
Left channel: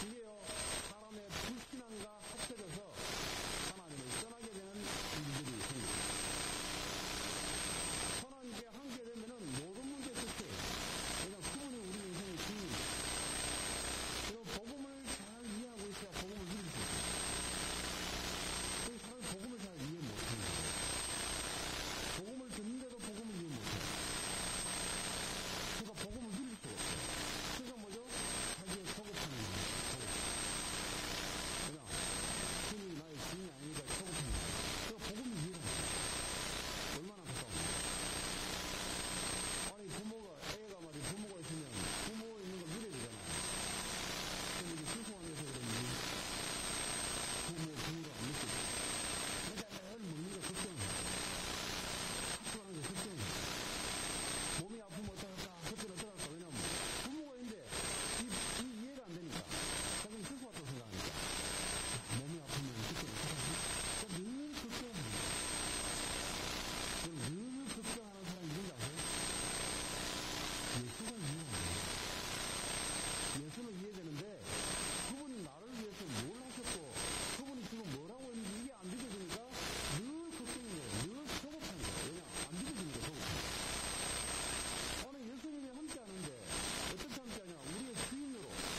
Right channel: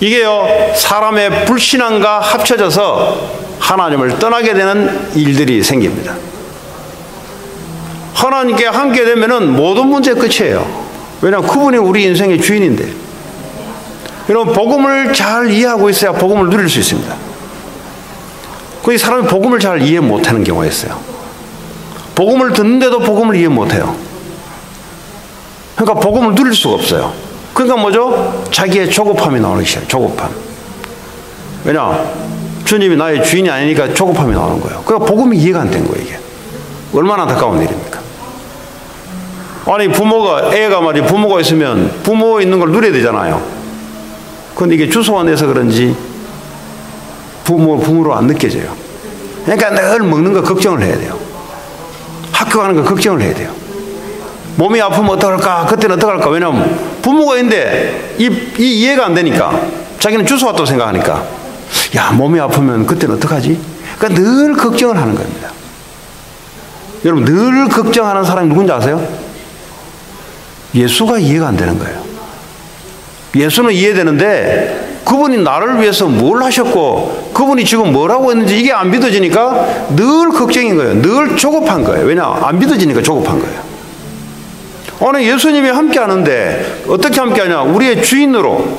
이게요, 사람의 불신앙과 합쳐져서 하나님을 떠나게 되는 일들이 생깁니다. 하나님께 함께 되면은 모든 문제 끝이에요. 왜냐하면 그분이 우리 인생의 주인인데. 여러분, 복음을 잘 이해하고 있어야 복음을 누릴 수 있습니다. 그 사람이 복음을 잘 이해 못하는 경우가 있어요. 복음을 듣는데도 복음을 이해 못해요. 그러니까 복음을 누릴 수가 없어요. 그러니까 뭐죠? 자기의 조급함이 나오는 것이에요. 조급함. 왜냐? 주님이 나의 주인이 아니니까 조급함이 나오는 거예요. 그러니까 복음이 이해가 안 된 거예요. 이게 얼마나 안타까운 일입니까? 아니, 애가 말이 부모가 있으면 부모 있는 걸 누려야 되잖아요. 그런데 이게 주소가 내서 그런지 부모로 안 느껴져요. 그러니까 늘 먹는 거 걱정을 해야 돼요. 학교 가는 거 걱정을 해야 돼요. 몸이 아프면 어떡할까? 그때는 어떡할까? 왜냐하면 부모가 있는데 이해가 안 되니까 자기는 주소 왔다고 생각하니까, 야, 몸이 아프면 그때는 어떡하지? 그러니까 늘 걱정을 하는 겁니다. 여러분, 늘 걱정하는 사람이 누군지 아세요? 예수가 이해가 안 되는 거예요. 예수는 이해되는데 그분이 나를 위해서 뭘 하셨고 그분이 지금 뭘 하고 있는지 이게 안 믿어지니까 늘 걱정인 거예요. 늘 조급한 거예요. 왜냐? 안 믿어지니까 조급한 거예요. 오늘 예수님이 함께 하는데 어떻게 함께 하냐? 우리의 주인으로,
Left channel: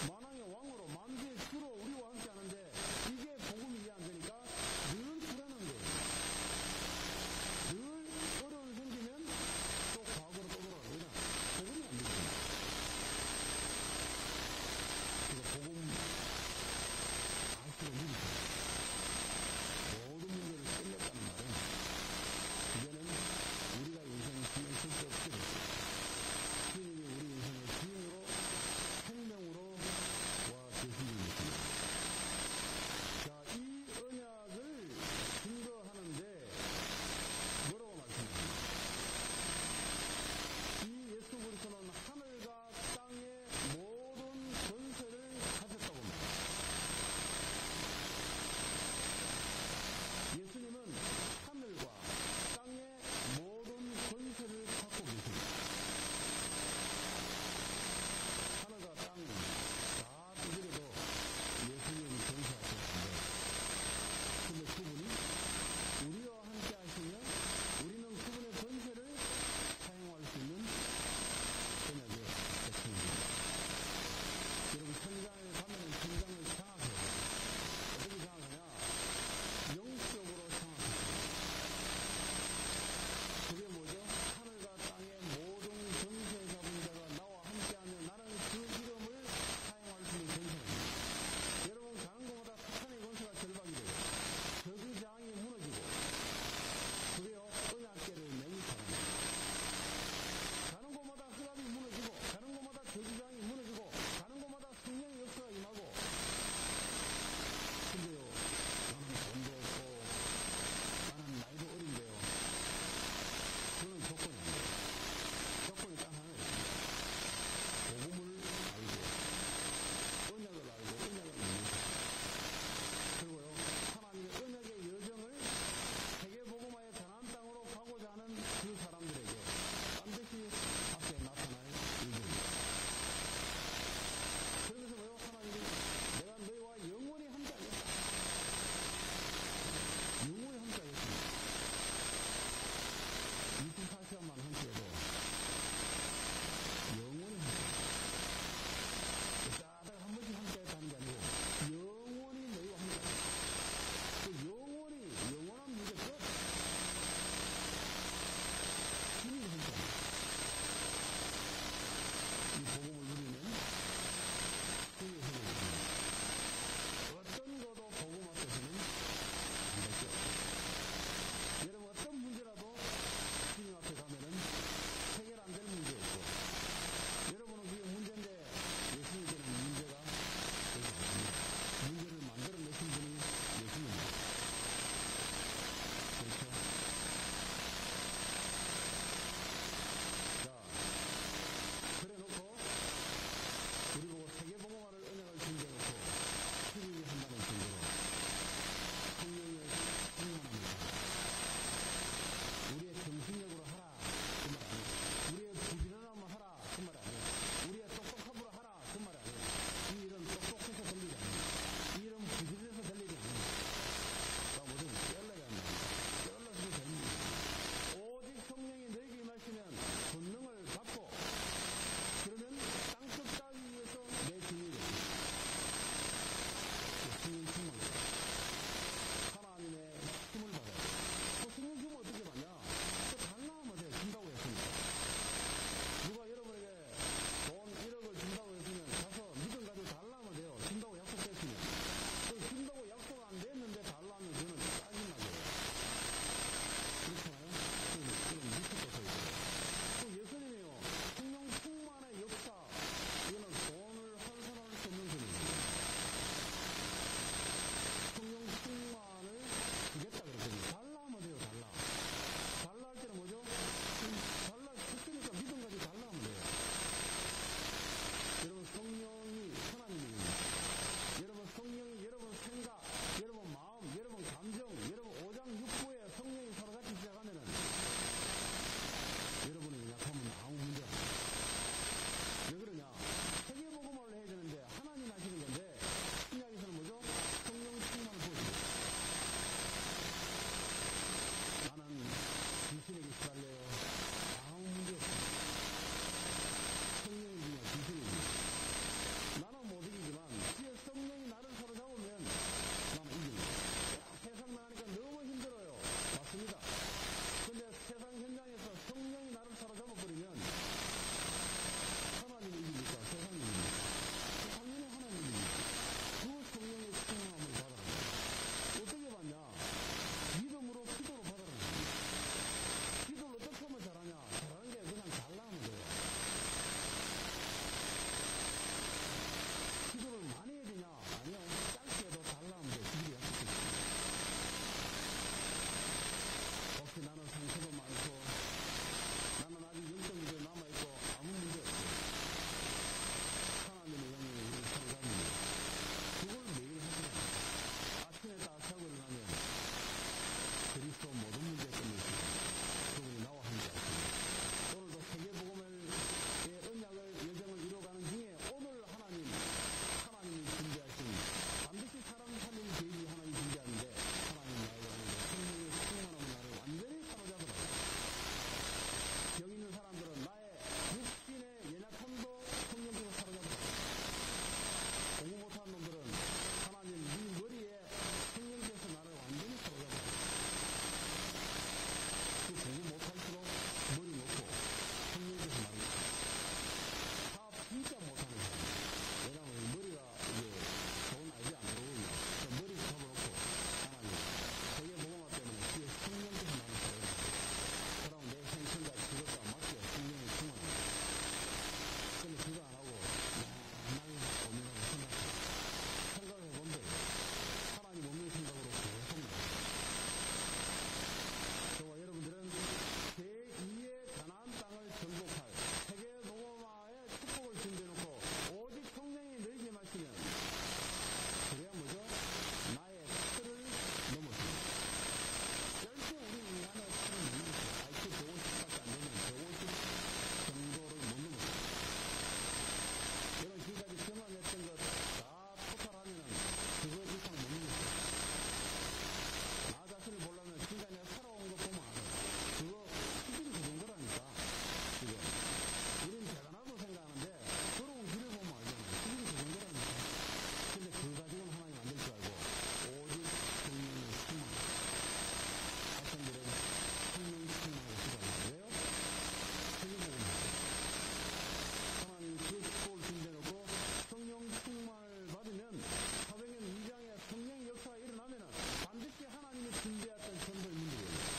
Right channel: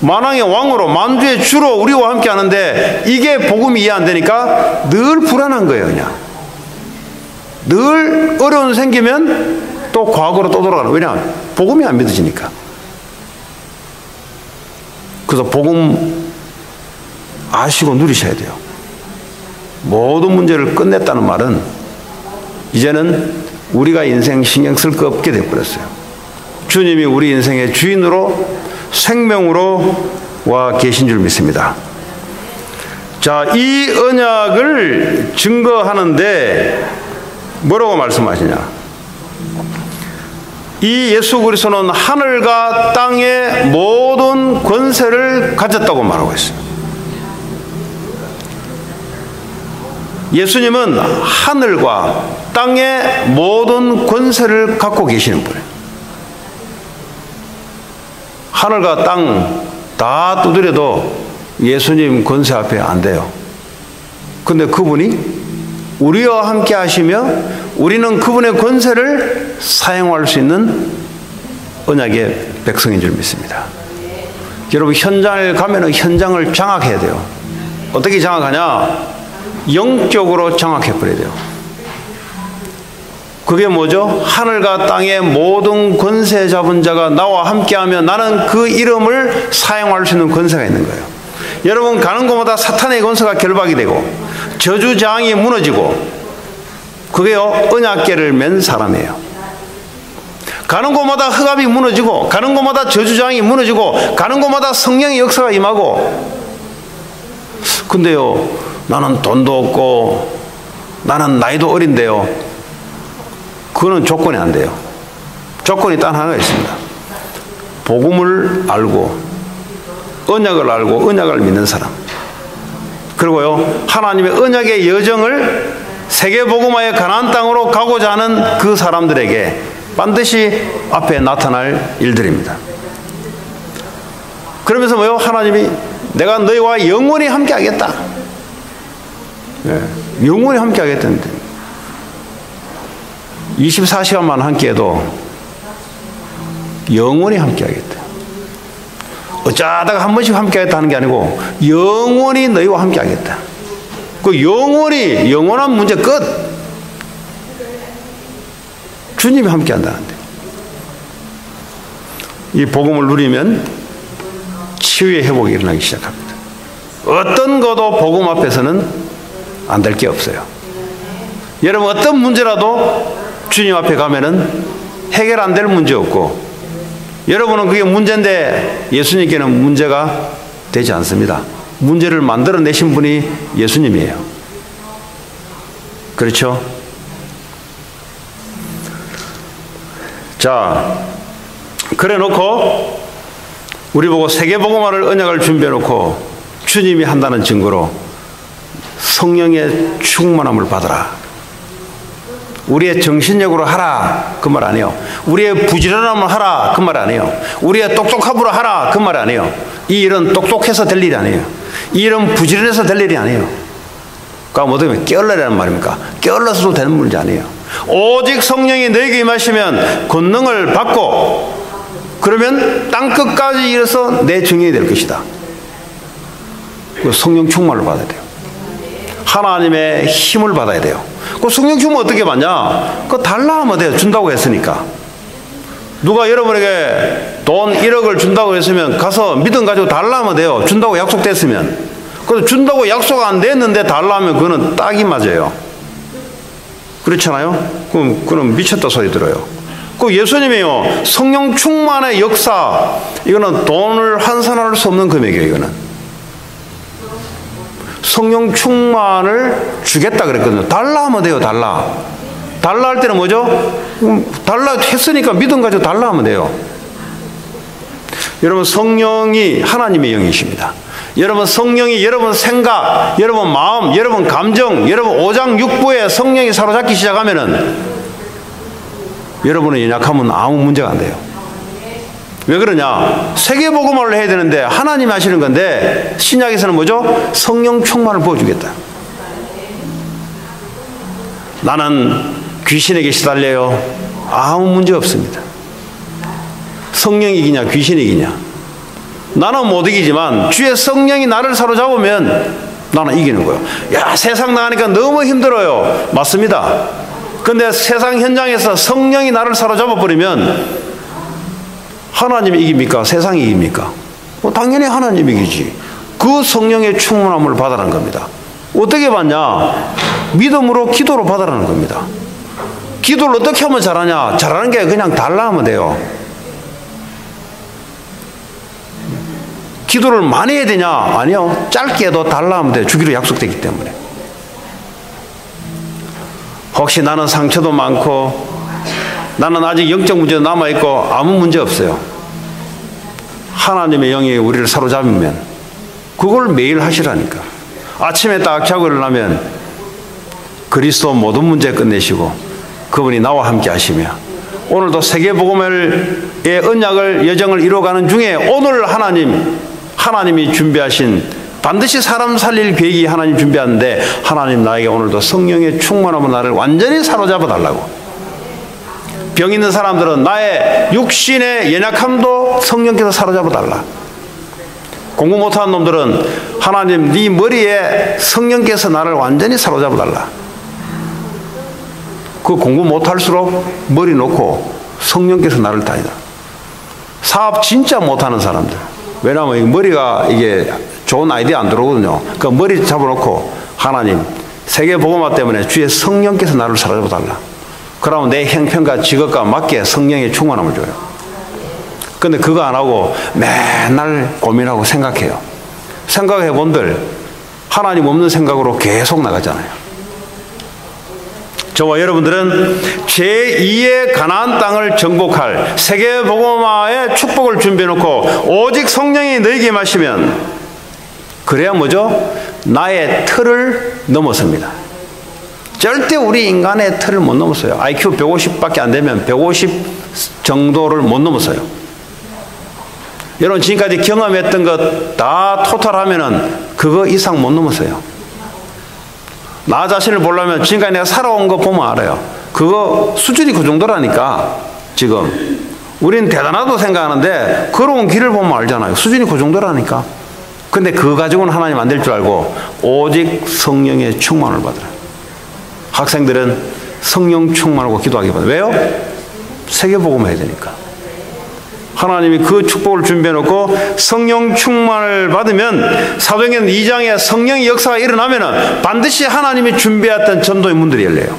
만왕의 왕으로, 만주의 주로 우리와 함께 하는데 이게 복음이 이해 안 되니까 늘 불안한 거예요. 그냥 늘 어려운 생기면 또 과거로 또 돌아가는. 왜냐? 복음이 안 믿어지니까. 그래서 복음 아시고 누리셔야 돼요. 모든 문제를 끝냈다는 말은 이제는 우리가 인생 신경 쓸 거 없게 돼버렸어요. 주님이 우리 인생의 주인으로, 생명으로 와 계신 줄 믿습니다. 자, 이 언약을 증거하는데 뭐라고 말씀하시냐? 이 예수 그리스도는 하늘과 땅의 모든 권세를 가졌다고 말하고 있어요. 예수님은 하늘과 땅의 모든 권세를 갖고 계시는 분이에요. 하늘과 땅 다 두드려도 예수님 권세 앞에 안 돼요. 근데 그분이 우리와 함께 하시며 우리는 그분의 권세를 사용할 수 있는 언약의 백성인 줄 믿습니다. 여러분, 현장에 가면은 현장을 장악해야 돼요. 어떻게 장악하냐? 영적으로 장악해버려야 돼요. 그게 뭐죠? 하늘과 땅의 모든 권세 잡은 자가 나와 함께하면 나는 그 이름을 사용할 수 있는 권세가 있는 거예요. 여러분, 가는 곳마다 사탄의 권세가 결박이 되고 저주장이 무너지고, 그게요, 언약궤를 맨 사람이에요. 가는 곳마다 흑암이 무너지고, 가는 곳마다 저주장이 무너지고, 가는 곳마다 성령의 역사가 임하고. 근데요, 나는 돈도 없고 나는 나이도 어린데요, 그거는 조건이 안 돼요. 조건이 딱 하나가 있습니다. 복음을 알고 언약을 알고 언약을 믿는 사람, 그리고요, 하나님의 언약의 여정을 세계복음화의 가나안 땅으로 가고자 하는 그 사람들에게 반드시 앞에 나타날 일들입니다. 그러면서 뭐요? 하나님이 내가 너희와 영원히 함께 하겠다. 네, 영원히 함께 하겠다는데 24시간만 함께해도 영원히 함께 하겠다. 어쩌다가 한 번씩 함께 하겠다는 게 아니고 영원히 너희와 함께 하겠다. 그 영원히, 영원한 문제 끝. 주님이 함께 한다는데, 이 복음을 누리면 치유의 회복이 일어나기 시작합니다. 어떤 것도 복음 앞에서는 안 될 게 없어요. 여러분, 어떤 문제라도 주님 앞에 가면은 해결 안 될 문제 없고, 여러분은 그게 문제인데 예수님께는 문제가 되지 않습니다. 문제를 만들어내신 분이 예수님이에요. 그렇죠? 자, 그래 놓고 우리 보고 세계복음화를 언약을 준비해 놓고 주님이 한다는 증거로 성령의 충만함을 받아라. 우리의 정신력으로 하라, 그 말 아니에요. 우리의 부지런함을 하라, 그 말 아니에요. 우리의 똑똑함으로 하라, 그 말 아니에요. 이 일은 똑똑해서 될 일이 아니에요. 이 일은 부지런해서 될 일이 아니에요. 그러니까 어떻게 게을러라는 말입니까? 게을러서도 되는 문제 아니에요. 오직 성령이 너에게 임하시면 권능을 받고, 그러면 땅끝까지 이르러서 내 증인이 될 것이다. 성령 충만을 받아야 돼요. 하나님의 힘을 받아야 돼요. 그 성령 충만 어떻게 받냐? 그거 달라 하면 돼요. 준다고 했으니까. 누가 여러분에게 돈 1억을 준다고 했으면 가서 믿음 가지고 달라 하면 돼요. 준다고 약속됐으면. 그래서 준다고 약속 안 됐는데 달라 하면 그거는 딱이 맞아요. 그렇잖아요? 그럼 미쳤다 소리 들어요. 그 예수님이요, 성령 충만의 역사, 이거는 돈을 환산할 수 없는 금액이에요. 이거는 성령 충만을 주겠다 그랬거든요. 달라 하면 돼요. 달라 할 때는 뭐죠? 달라 했으니까 믿음 가지고 달라 하면 돼요. 여러분, 성령이 하나님의 영이십니다. 여러분, 성령이 여러분 생각, 여러분 마음, 여러분 감정, 여러분 오장육부에 성령이 사로잡기 시작하면은 여러분의 연약함은 아무 문제가 안 돼요. 왜 그러냐? 세계복음화를 해야 되는데 하나님이 하시는 건데, 신약에서는 뭐죠? 성령 충만을 부어주겠다. 나는 귀신에게 시달려요. 아무 문제 없습니다. 성령이 이기냐 귀신이 이기냐? 나는 못 이기지만 주의 성령이 나를 사로잡으면 나는 이기는 거예요. 야, 세상 나가니까 너무 힘들어요. 맞습니다. 근데 세상 현장에서 성령이 나를 사로잡아 버리면 하나님이 이깁니까? 세상이 이깁니까? 당연히 하나님이 이기지. 그 성령의 충만함을 받아라는 겁니다. 어떻게 받냐? 믿음으로, 기도로 받아라는 겁니다. 기도를 어떻게 하면 잘하냐? 잘하는 게 그냥 달라 하면 돼요. 기도를 많이 해야 되냐? 아니요. 짧게 해도 달라 하면 돼요. 주기로 약속되기 때문에. 혹시 나는 상처도 많고 나는 아직 영적 문제도 남아있고 아무 문제 없어요. 하나님의 영이 우리를 사로잡으면 그걸 매일 하시라니까. 아침에 딱 자고 일어나면 그리스도 모든 문제 끝내시고 그분이 나와 함께 하시며, 오늘도 세계복음의 언약을 여정을 이루어가는 중에 오늘 하나님이 준비하신, 반드시 사람 살릴 계획이 하나님 준비하는데, 하나님 나에게 오늘도 성령의 충만함으로 나를 완전히 사로잡아 달라고, 병 있는 사람들은 나의 육신의 연약함도 성령께서 사로잡아 달라. 공부 못하는 놈들은 하나님 네 머리에 성령께서 나를 완전히 사로잡아 달라. 그 공부 못할수록 머리 놓고 성령께서 나를 다니다. 사업 진짜 못하는 사람들, 왜냐하면 머리가 이게 좋은 아이디어 안 들어오거든요. 그 머리 잡아놓고 하나님 세계복음화 때문에 주의 성령께서 나를 사로잡아 달라. 그러면 내 형편과 직업과 맞게 성령의 충만함을 줘요. 근데 그거 안 하고 맨날 고민하고 생각해요. 생각해 본들 하나님 없는 생각으로 계속 나가잖아요. 저와 여러분들은 제2의 가나안 땅을 정복할 세계복음화의 축복을 준비해놓고 오직 성령이 너에게 임하시면, 그래야 뭐죠? 나의 틀을 넘어섭니다. 절대 우리 인간의 틀을 못 넘었어요. IQ 150밖에 안 되면 150 정도를 못 넘었어요. 여러분 지금까지 경험했던 것 다 토탈하면은 그거 이상 못 넘었어요. 나 자신을 보려면 지금까지 내가 살아온 거 보면 알아요. 그거 수준이 그 정도라니까. 지금 우리는 대단하다고 생각하는데 걸어온 길을 보면 알잖아요. 수준이 그 정도라니까. 근데 그거 가지고는 하나님 안 될 줄 알고 오직 성령의 충만을 받으라. 학생들은 성령 충만하고 기도하기 바랍니다. 왜요? 세계복음 해야 되니까. 하나님이 그 축복을 준비해놓고 성령 충만을 받으면 사도행전 2장에 성령의 역사가 일어나면 반드시 하나님이 준비했던 전도의 문들이 열려요.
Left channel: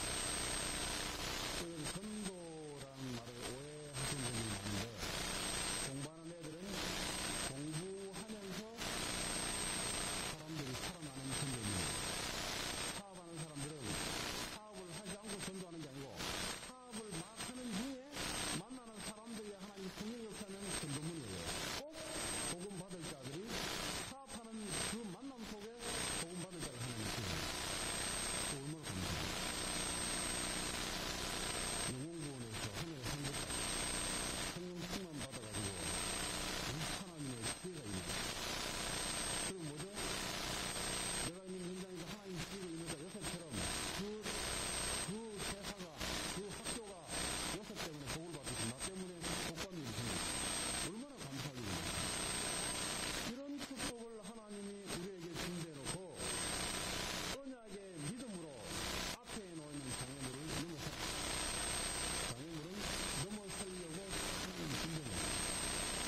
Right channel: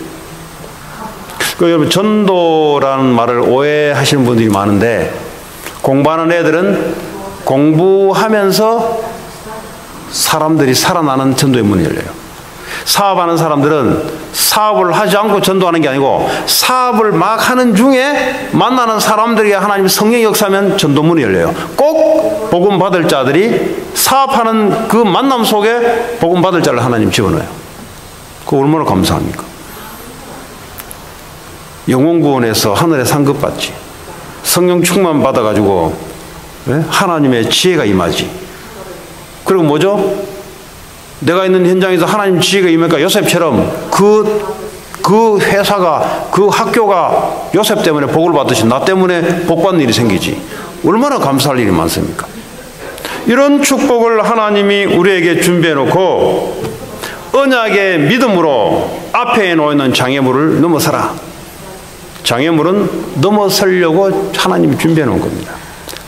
여러분 전도라는 말을 오해하시는 분들이 많은데, 공부하는 애들은 공부하면서 사람들이 살아나는 전도의 문이 열려요. 사업하는 사람들은 사업을 하지 않고 전도하는 게 아니고 사업을 막 하는 중에 만나는 사람들에게 하나님 성령의 역사하면 전도문이 열려요. 꼭 복음 받을 자들이 사업하는 그 만남 속에 복음 받을 자를 하나님 집어넣어요. 그거 얼마나 감사합니까? 영혼구원에서 하늘에 상급 받지, 성령 충만 받아가지고 하나님의 지혜가 임하지. 그리고 뭐죠? 내가 있는 현장에서 하나님 지혜가 임하니까 요셉처럼 그 회사가, 그 학교가 요셉 때문에 복을 받듯이 나 때문에 복 받는 일이 생기지. 얼마나 감사할 일이 많습니까? 이런 축복을 하나님이 우리에게 준비해 놓고 언약의 믿음으로 앞에 놓여있는 장애물을 넘어서라. 장애물은 넘어서려고 하나님이 준비해 놓은 겁니다.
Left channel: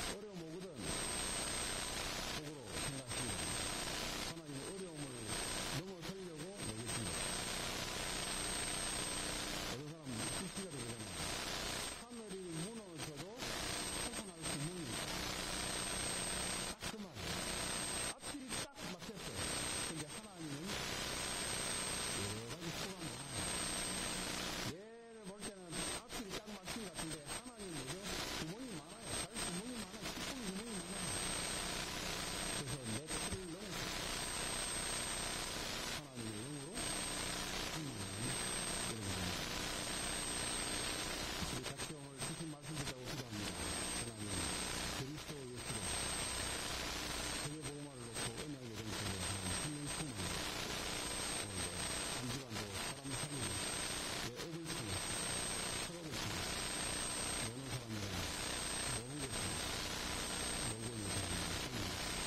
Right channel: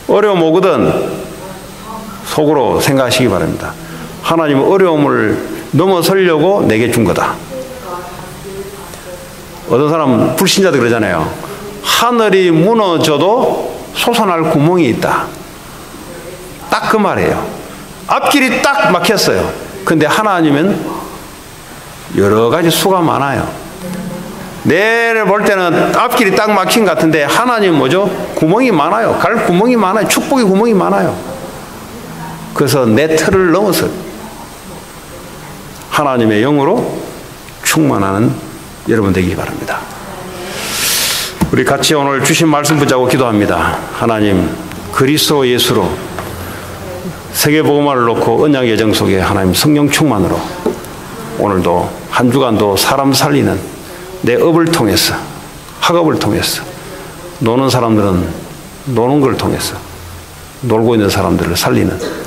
어려움 오거든 속으로 생각하시기 바랍니다. 하나님은 어려움을 넘어서려고 내게 준 거다. 어떤 사람은 불신자들 그러잖아요. 하늘이 무너져도 솟아날 구멍이 있다. 딱 그 말이에요. 앞길이 딱 막혔어요. 근데 하나님은 여러 가지 수가 많아요. 내를 볼 때는 앞길이 딱 막힌 것 같은데 하나님은 뭐죠? 구멍이 많아요. 갈 구멍이 많아요. 축복의 구멍이 많아요. 그래서 내 틀을 넘어서 하나님의 영으로 충만하는 여러분 되기 바랍니다. 우리 같이 오늘 주신 말씀 붙잡고 기도합니다. 하나님, 그리스도 예수로 세계복음화를 놓고 언약 예정 속에 하나님 성령 충만으로 오늘도 한 주간도 사람 살리는 내 업을 통해서, 학업을 통해서, 노는 사람들은 노는 걸 통해서 놀고 있는 사람들을 살리는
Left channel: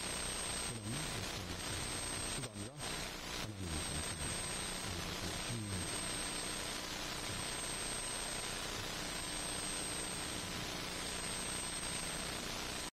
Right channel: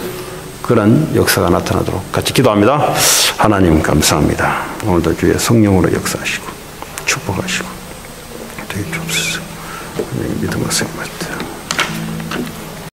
그런 역사가 나타나도록 같이 기도합니다. 하나님 감사합니다. 오늘도 주의 성령으로 역사하시고 축복하시고 되게 주옵소서. 믿음과 생각